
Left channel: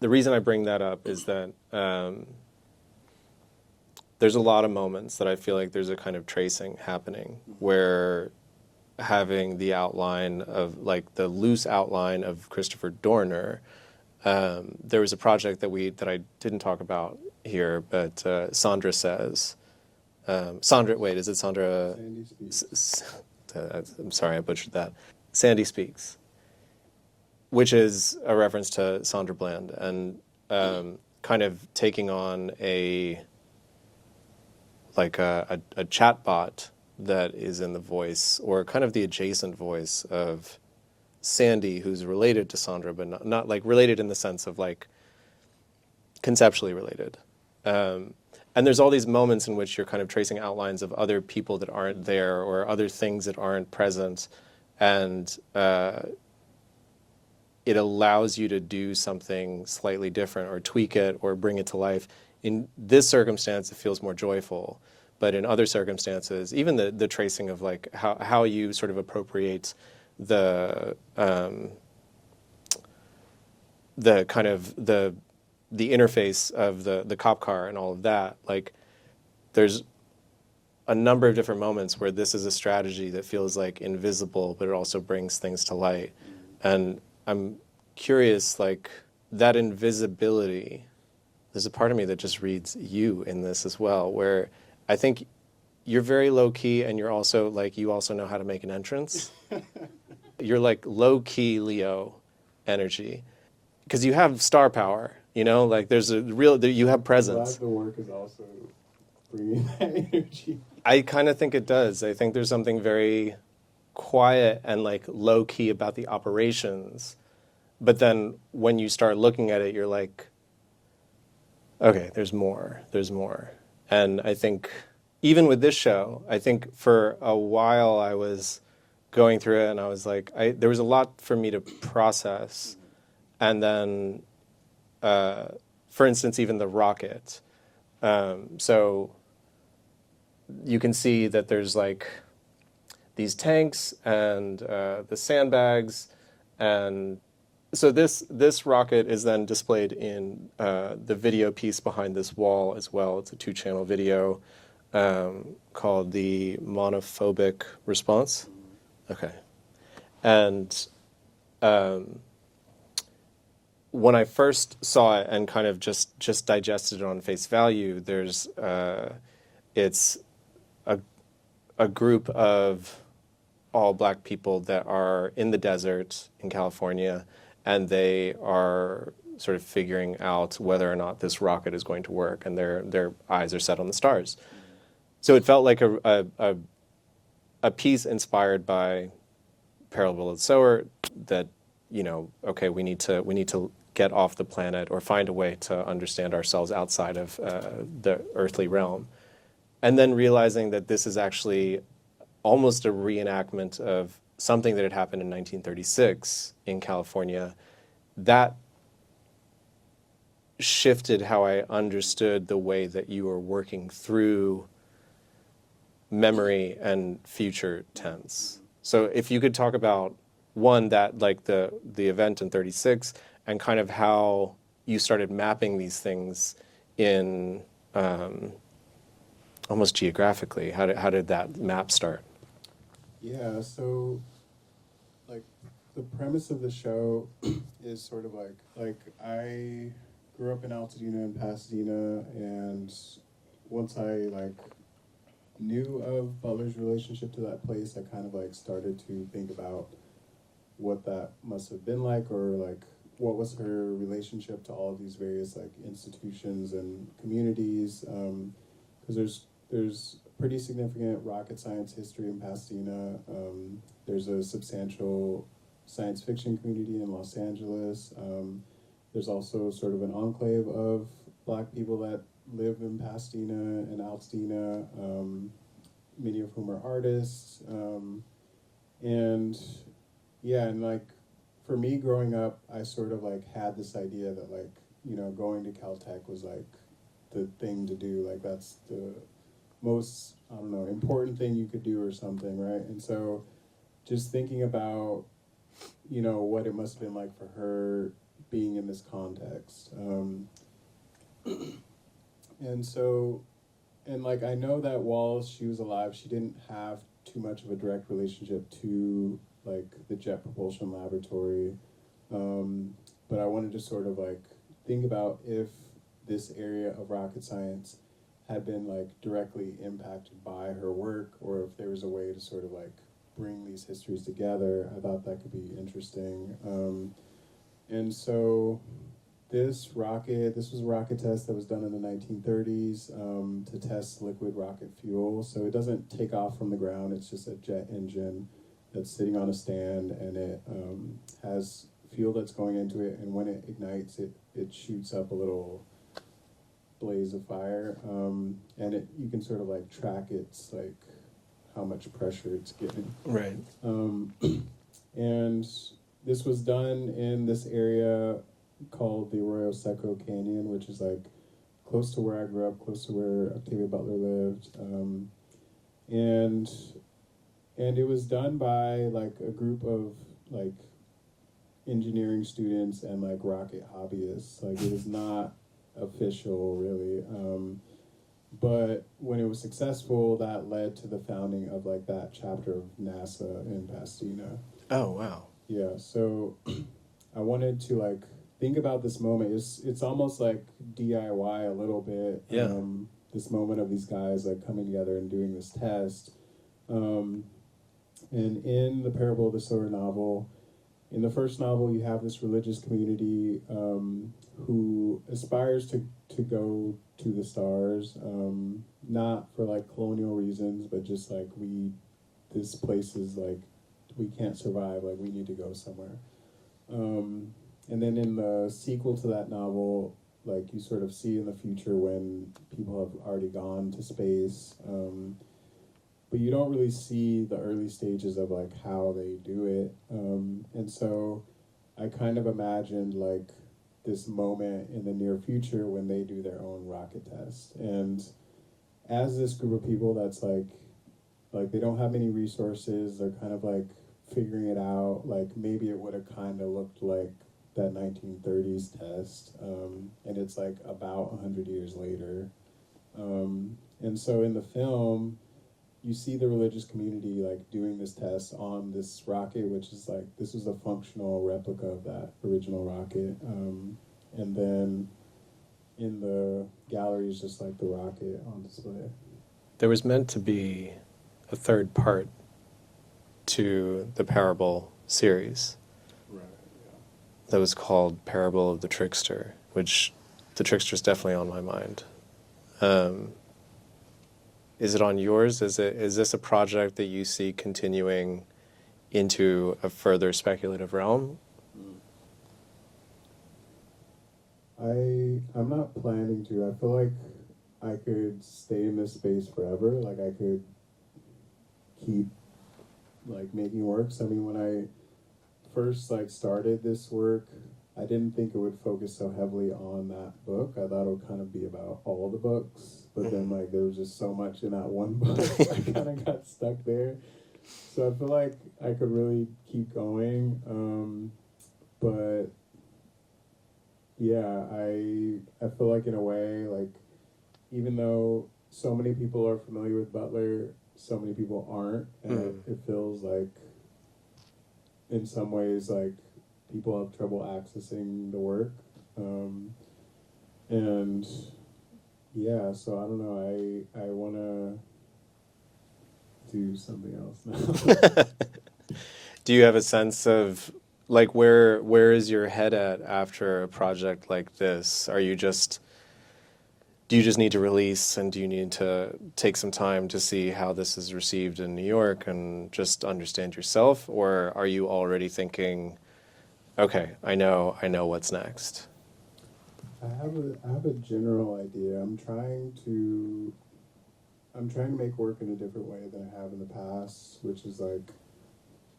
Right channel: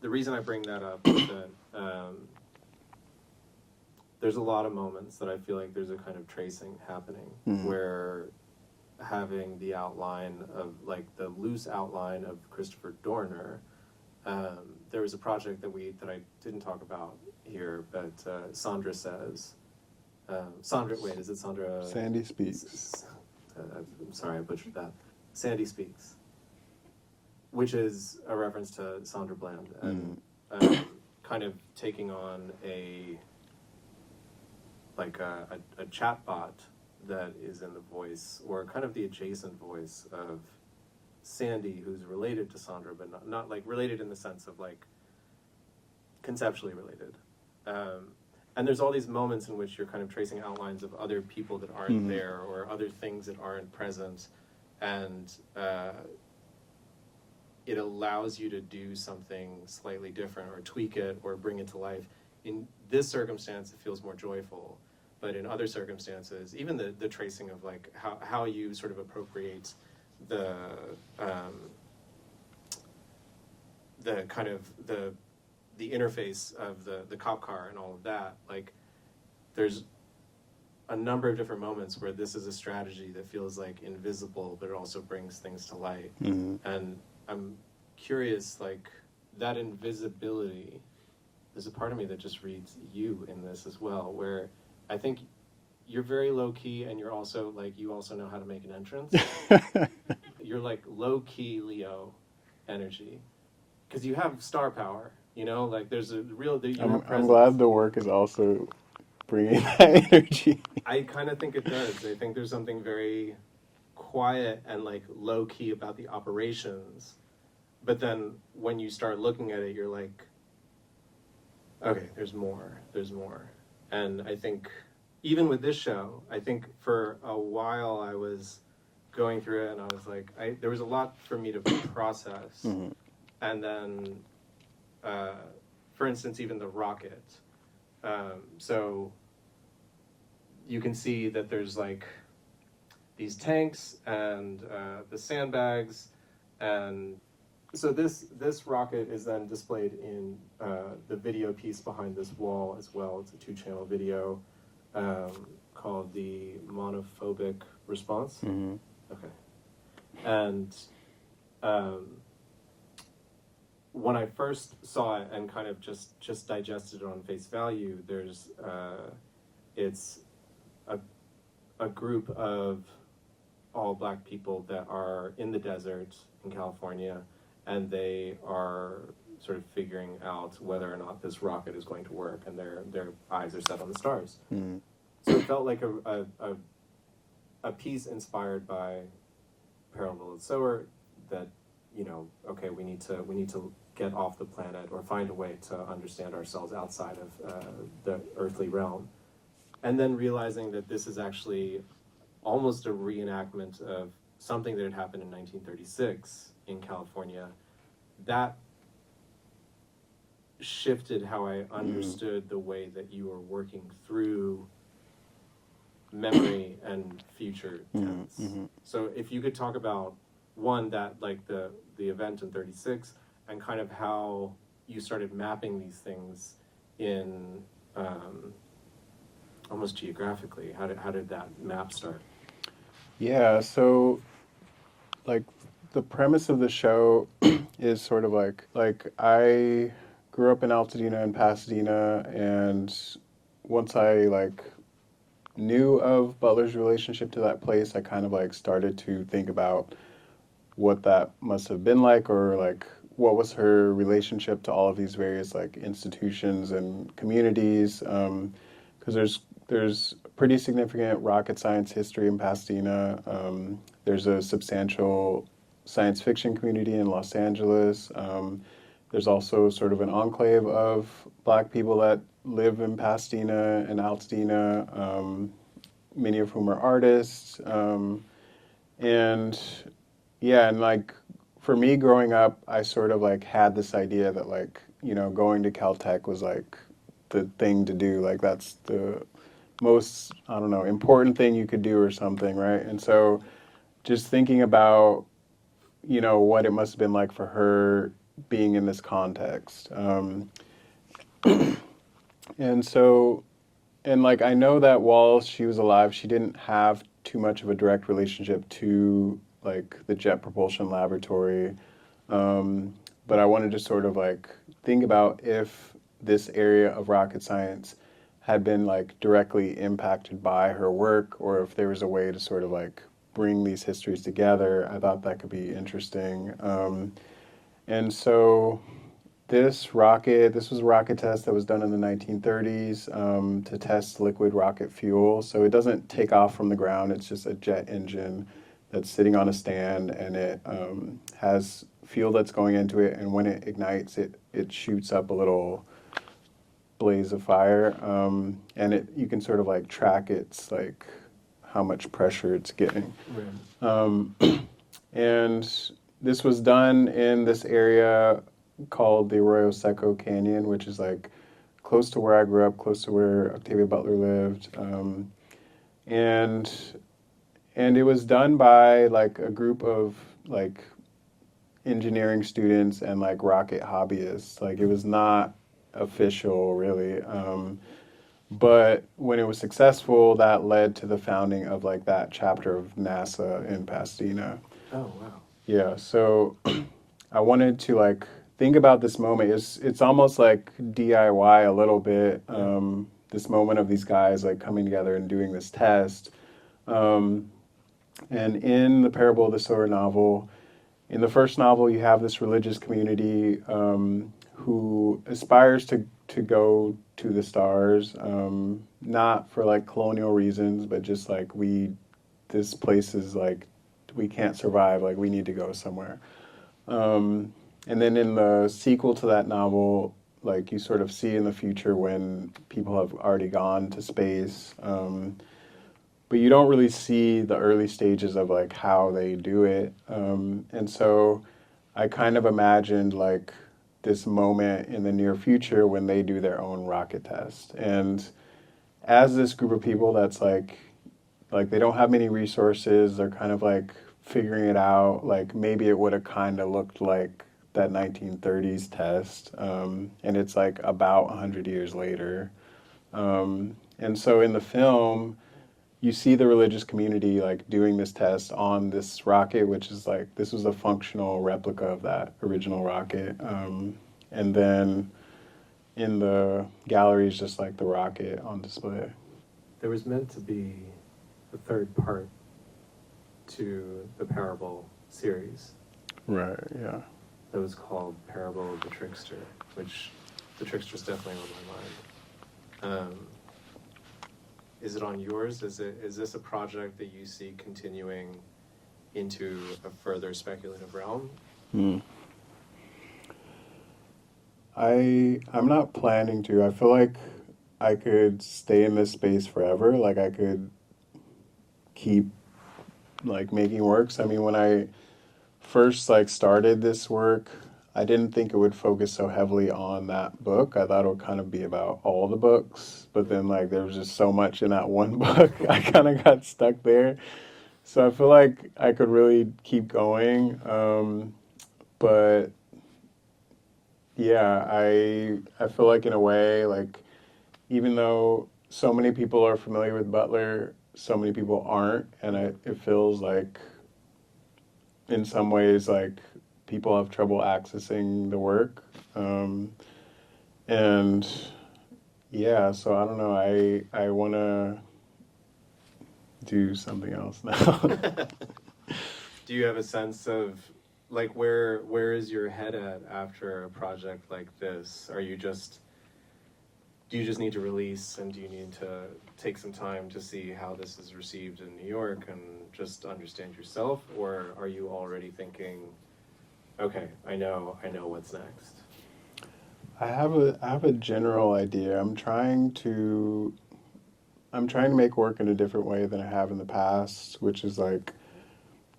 The reason I bring that up is that there's a lot of moments that I feel like there's a kind of tracing happening, where having the outline of, like, the loose outline of Christopher Dorner, there was a project that I didn't talk about here, but Sandra says, Sandra, wait, is it Sandra? Sandy Speaks. I'm sorry, I butchered that. Sandy Speaks, which is a reference to Sandra Bland, and kind of taking on a chatbot that is in the voice, or kind of the adjacent voice of Sandy, who's related to Sandra, but not like related in the sense of like conceptually related. And there's all these moments in which you're kind of tracing outlines of other people that aren't there, or other things that aren't present, and it allows you to do something slightly different, or tweak it, or bring it to life. In this circumstance, it feels more joyful, but in other circumstances, even the tracing of like how you sort of appropriate the kind of the interface of the cop car and all of that, like there's a number of different moments where this is a strategy that feels like invisible, but it also brings things to light. And I'm curious, like, that invisibility, there's a part of me that just reads you in this as well, where I think you're very low key, and you're also like, you also know how to make an entrance. You're like low key Leo energy, because you have star power, you know, like there's a real, you have presence. I'm glad the work is also bringing that energy. I kind of think it does. I think there's something very quiet and like low key about the operations, but then when you start looking at it, you're like, okay, there's more. And I think even with this show, I think for a while I was going through it and I was like, there was a lot for me to process. And then, for instance, even the rocket. So you can see that there's like these tanks and the sandbags, and so this rocket is then displayed in the video piece behind this wall as well. It's a 2-channel video called the Monophobic Response. Okay. And when I first saw it and kind of just digested it on face value, there's it's a group of all black people that are in the desert in California, and they are sort of figuring out whether or not this rocket is going to work, and their eyes are set on the stars. So it felt like a piece inspired by Parable of the Sower, that, you know, okay, we need to get off the planet or find a way to understand ourselves outside of the earthly realm. And then realizing that this is actually almost a reenactment of something that had happened in 1936 in California. That shifted how I understood the way that you were working through memory and future tense. So if you could talk about, one, that like the event in 36, and kind of how you started mapping these things in almost geographically. How did that map start? Yeah, so like the premise of the show is sort of like I grew up in Altadena and Pasadena, and once I like knew of Butler's relationship to that place, I kind of like started to think about what that must have been like, or like what was her relationship to all of these various like institutions and communities, because there's pretty significant rocket science history in Pasadena. There's a substantial science fiction community in Los Angeles. There's also sort of an enclave of black people that live in Pasadena and Altadena, many of whom are artists. And yeah, and like for me growing up, I sort of like had this idea that like, you know, going to Caltech was like the thing to do. Like that's the most, I don't know, important thing you could do or something, right? And so just thinking about, you know, what it must have been like for her being in this context. And so, and like I know that while she was alive, she didn't have too much of a direct relationship to like the Jet Propulsion Laboratory. But I wanted to sort of like think about if this area of rocket science had been like directly impacted by her work, or if there was a way to sort of like bring these histories together. I thought that could be interesting. And so this was a rocket test that was done in the 1930s to test liquid rocket fuel. So it doesn't take off from the ground. It's just a jet engine that's sitting on a stand, and it has fuel that's going into it. And when it ignites, it shoots up a little blaze of fire. And you can sort of like track its like how much pressure it's getting. Right. And this was done in this area called the Arroyo Seco Canyon, which is like close to where I grew up, close to where Octavia Butler lived. And it was done by like a group of like engineering students and like rocket hobbyists. Like it was not official really. But when it was successful, that led to the founding of like that chapter of NASA in Pasadena. Oh, wow. Yeah, so I wanted to like think about this moment. It's almost like DIY a little bit. Yeah. This moment of these guys like coming together and doing this test. And in the Parable of the Sower novel, in the first novel, you have this religious community who aspires to go to the stars, not for like colonial reasons, but just like this place is like, we can't survive, like we need to go somewhere. And then in the sequel to that novel, like you sort of see in the future when people have already gone to space, but you don't really see the early stages of like how they do it. And so I kind of imagined like this moment in the near future when they do their own rocket test. And as this group of people that's like they don't have many resources, they're kind of like figuring it out, like maybe it would have kind of looked like that 1930s test, and it's like about 100 years later. And so in the film, you see the religious community like doing this test on this rocket, which is like, this was a functional replica of that original rocket. And then in the gallery is just like the rocket on display. There was meant to be a third part to the Parable series Right, yeah. that was called Parable of the Trickster, which the Trickster's definitely on my mind. Is it on yours? Is this a project that you see continuing into a further speculative realm? I'm not planning to. I feel like I could stay in this space forever. Like I could keep like making works. I mean, when I first like started this work, I didn't think it would focus so heavily on that book. I thought it would kind of be about all the books, but then like there was just so much in that one book. I kind of got stuck there. So I feel like I could really keep going. But yeah, I feel like in a way, like even though so many people are familiar with Butler, so many people aren't, and it feels like in some ways like people have trouble accessing the work. And yeah, so I don't know, I want to do something else now. Do you have a sense of like where is your head at after a project like this? Do you just need to release, and do you need to take some time to see how this is received in New York and just understand yourself, or are you already thinking, okay, I know what's next? I have a general idea. I'm trying to make work in a different way than I have in the past, which is like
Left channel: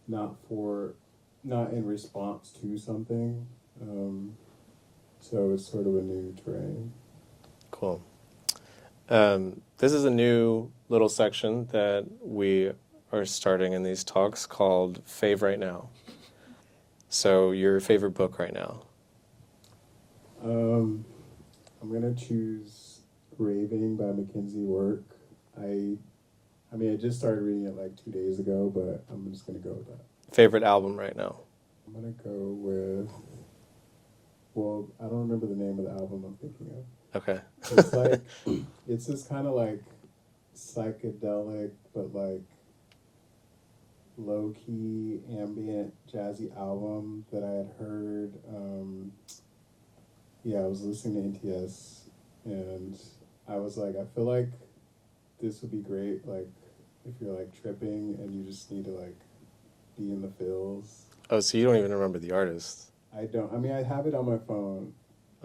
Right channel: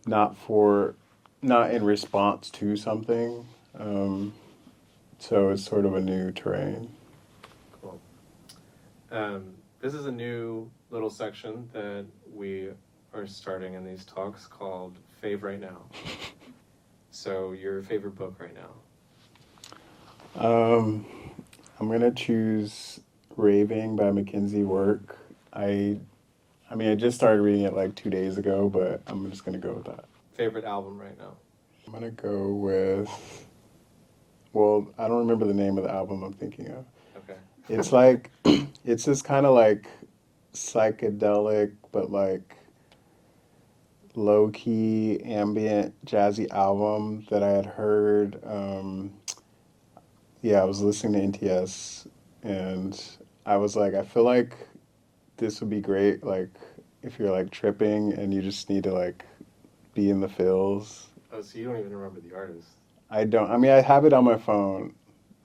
not in response to something. So it's sort of a new terrain. Cool. This is a new little section that we are starting in these talks called Fave Right Now. So your favorite book right now? I'm gonna choose Raving by Mackenzie Work. I mean, I just started reading it like 2 days ago, but I'm just gonna go with that. Favorite album right now? I'm gonna go with, well, I don't remember the name of the album I'm thinking of. Okay. It's like, it's this kind of like psychedelic, but like low-key ambient jazzy album that I had heard. Yeah, I was listening to NTS and I was like, I feel like this would be great, like if you're like tripping and you just need to like be in the feels. Oh, so you don't even remember the artist? I don't. I mean, I have it on my phone.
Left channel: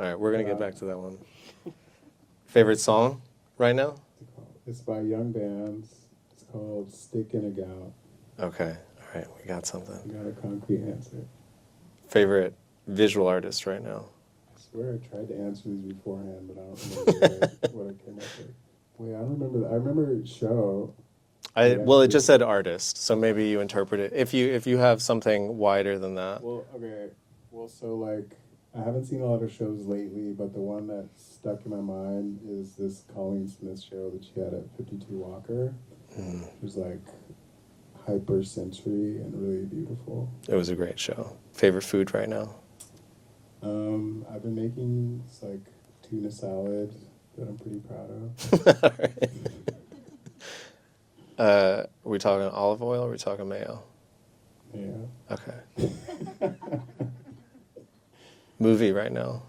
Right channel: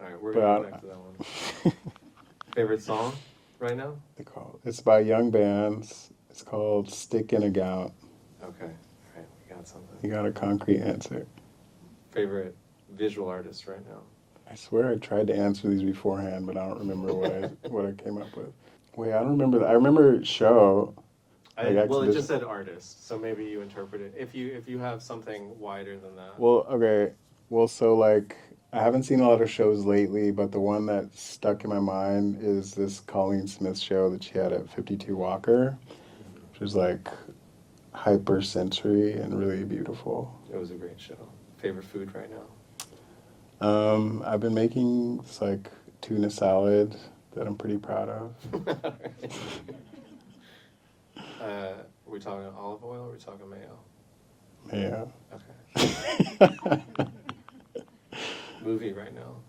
All right, we're gonna get back to that one. Favorite song right now? It's by Young Bands. It's called Stick in a Gown. Okay, all right, we got something. You got a concrete answer. Favorite visual artist right now? I swear I tried to answer these beforehand, but I don't remember what I came up with. Wait, I don't remember. I remember show. Well, it just said artist, so maybe you interpret it. If you have something wider than that. Well, okay. Well, so like I haven't seen a lot of shows lately, but the one that stuck in my mind is this Colleen Smith show that she had at 52 Walker, which was like hyper sensory and really beautiful. It was a great show. Favorite food right now? I've been making this like tuna salad that I'm pretty proud of. All right. Are we talking olive oil or are we talking mayo? Mayo. Okay. Movie right now?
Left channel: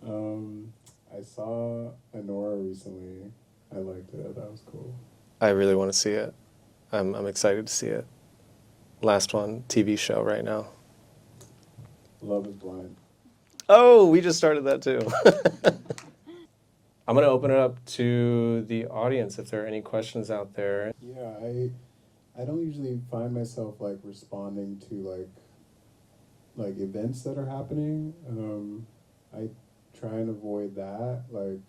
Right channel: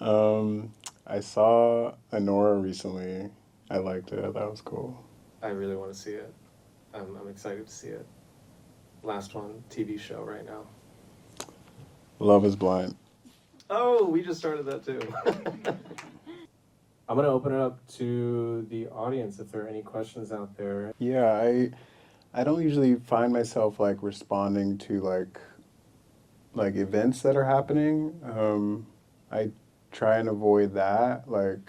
I saw Anora recently. I liked it. That was cool. I really want to see it. I'm excited to see it. Last one, TV show right now. Love is Blind. Oh, we just started that too. I'm going to open it up to the audience if there are any questions out there. Yeah, I don't usually find myself like responding to like events that are happening. I try and avoid that. Like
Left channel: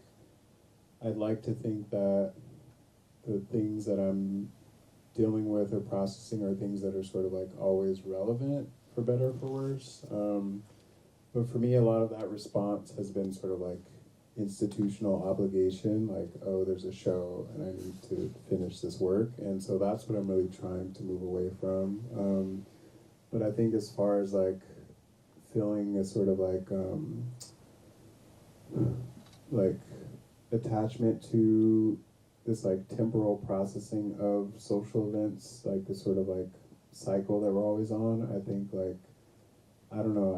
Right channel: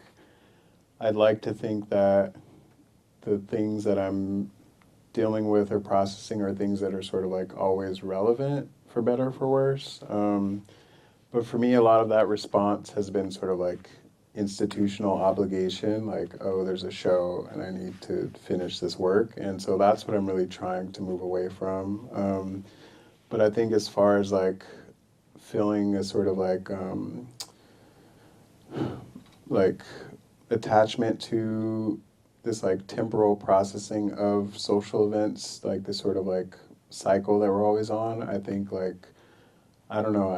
I'd like to think that the things that I'm dealing with or processing are things that are sort of like always relevant, for better or for worse. But for me, a lot of that response has been sort of like institutional obligation, like, oh, there's a show and I need to finish this work. And so that's what I'm really trying to move away from. But I think as far as like feeling a sort of like attachment to this like temporal processing of social events, like this sort of like cycle that we're always on. I think like, I don't know,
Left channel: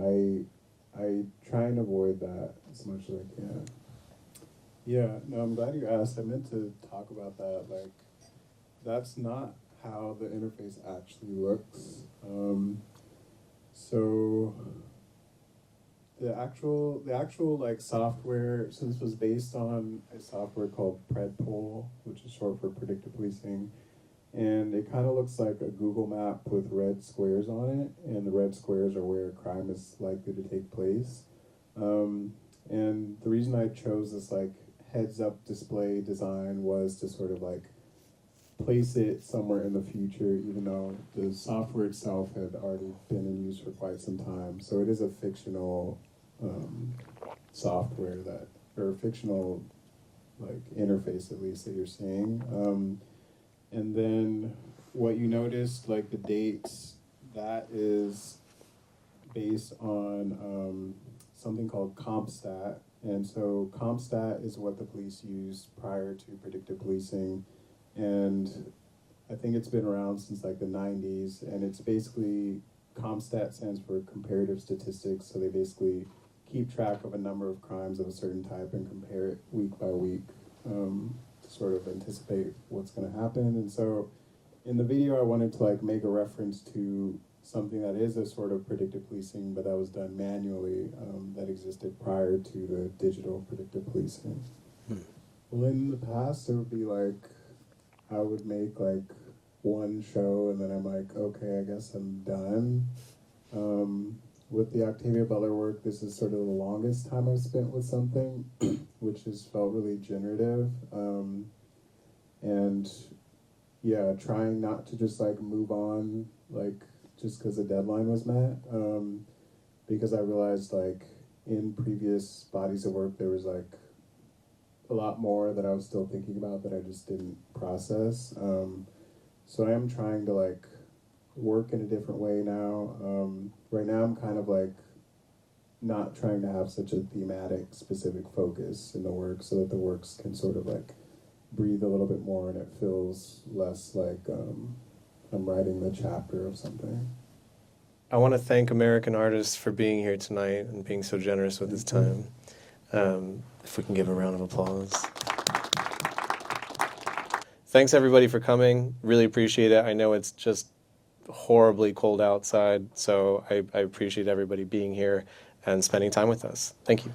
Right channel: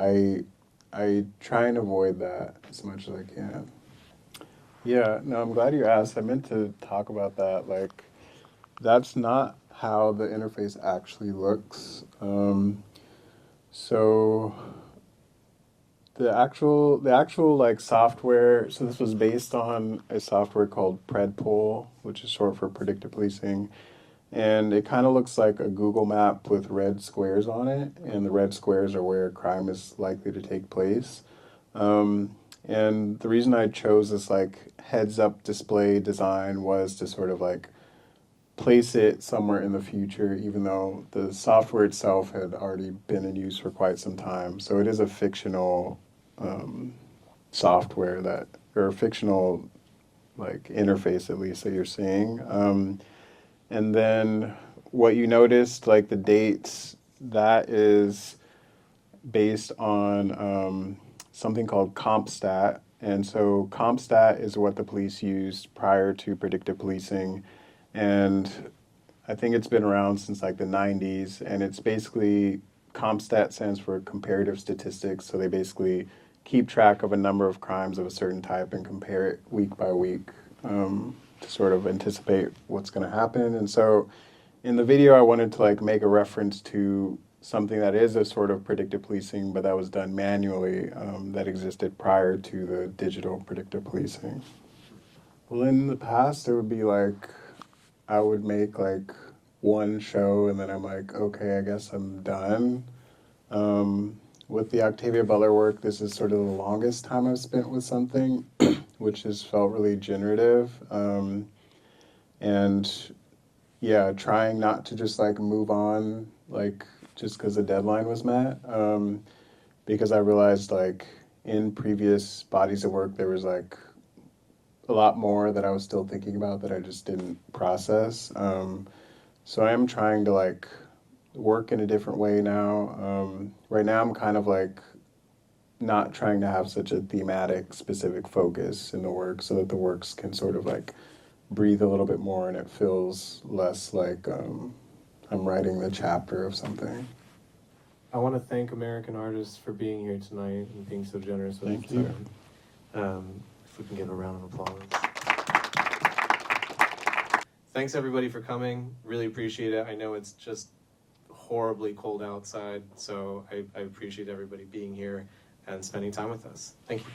I try and avoid that as much as I can. Yeah, no, I'm glad you asked. I meant to talk about that. Like, that's not how the interface actually looks. So the actual like software. So this was based on a software called Predpol, which is short for predictive policing, and it kind of looks like a Google map with red squares on it, and the red squares are where crime is likely to take place. And the reason I chose this like heads-up display design was to sort of like place it somewhere in the future, even though the software itself had already been in use for quite some time. So it is a fictional software that, or a fictional like interface at least that you're seeing. And then what you noticed, like the dates, that is based on something called CompStat. And so CompStat is what the police used prior to predictive policing. And I think it's been around since like the 90s. And it's basically, CompStat stands for comparative statistics. So they basically keep track of a number of crimes of a certain type and compare it week by week to sort of anticipate what's going to happen. And so in the video, I wanted to like make a reference to something that is a sort of predictive policing, but that was done manually, that existed prior to the digital predictive policing. Well, in the past, it would be like, I would make like one show and then I'm like, okay, I guess I'm done. With the Octavia Butler work, this is sort of the longest time I've spent with something, which has felt really generative. And yeah, trying not to just like move on, like just because the deadline was met. Because I realized like in previous bodies of work, there was like a lot more that I was still thinking about that I just didn't process. So I am trying to like work in a different way now. Right now I'm kind of like not trying to have such a thematic specific focus in the work so that the works can sort of like breathe a little bit more and it feels less like I'm writing the chapter of something. I want to thank American artists for being here tonight and being so generous with his time. If we can give a round of applause. Thanks everybody for coming. Really appreciate it. I know it's just horribly cold outside, so I appreciate everybody being here and spending time with us. Thank you.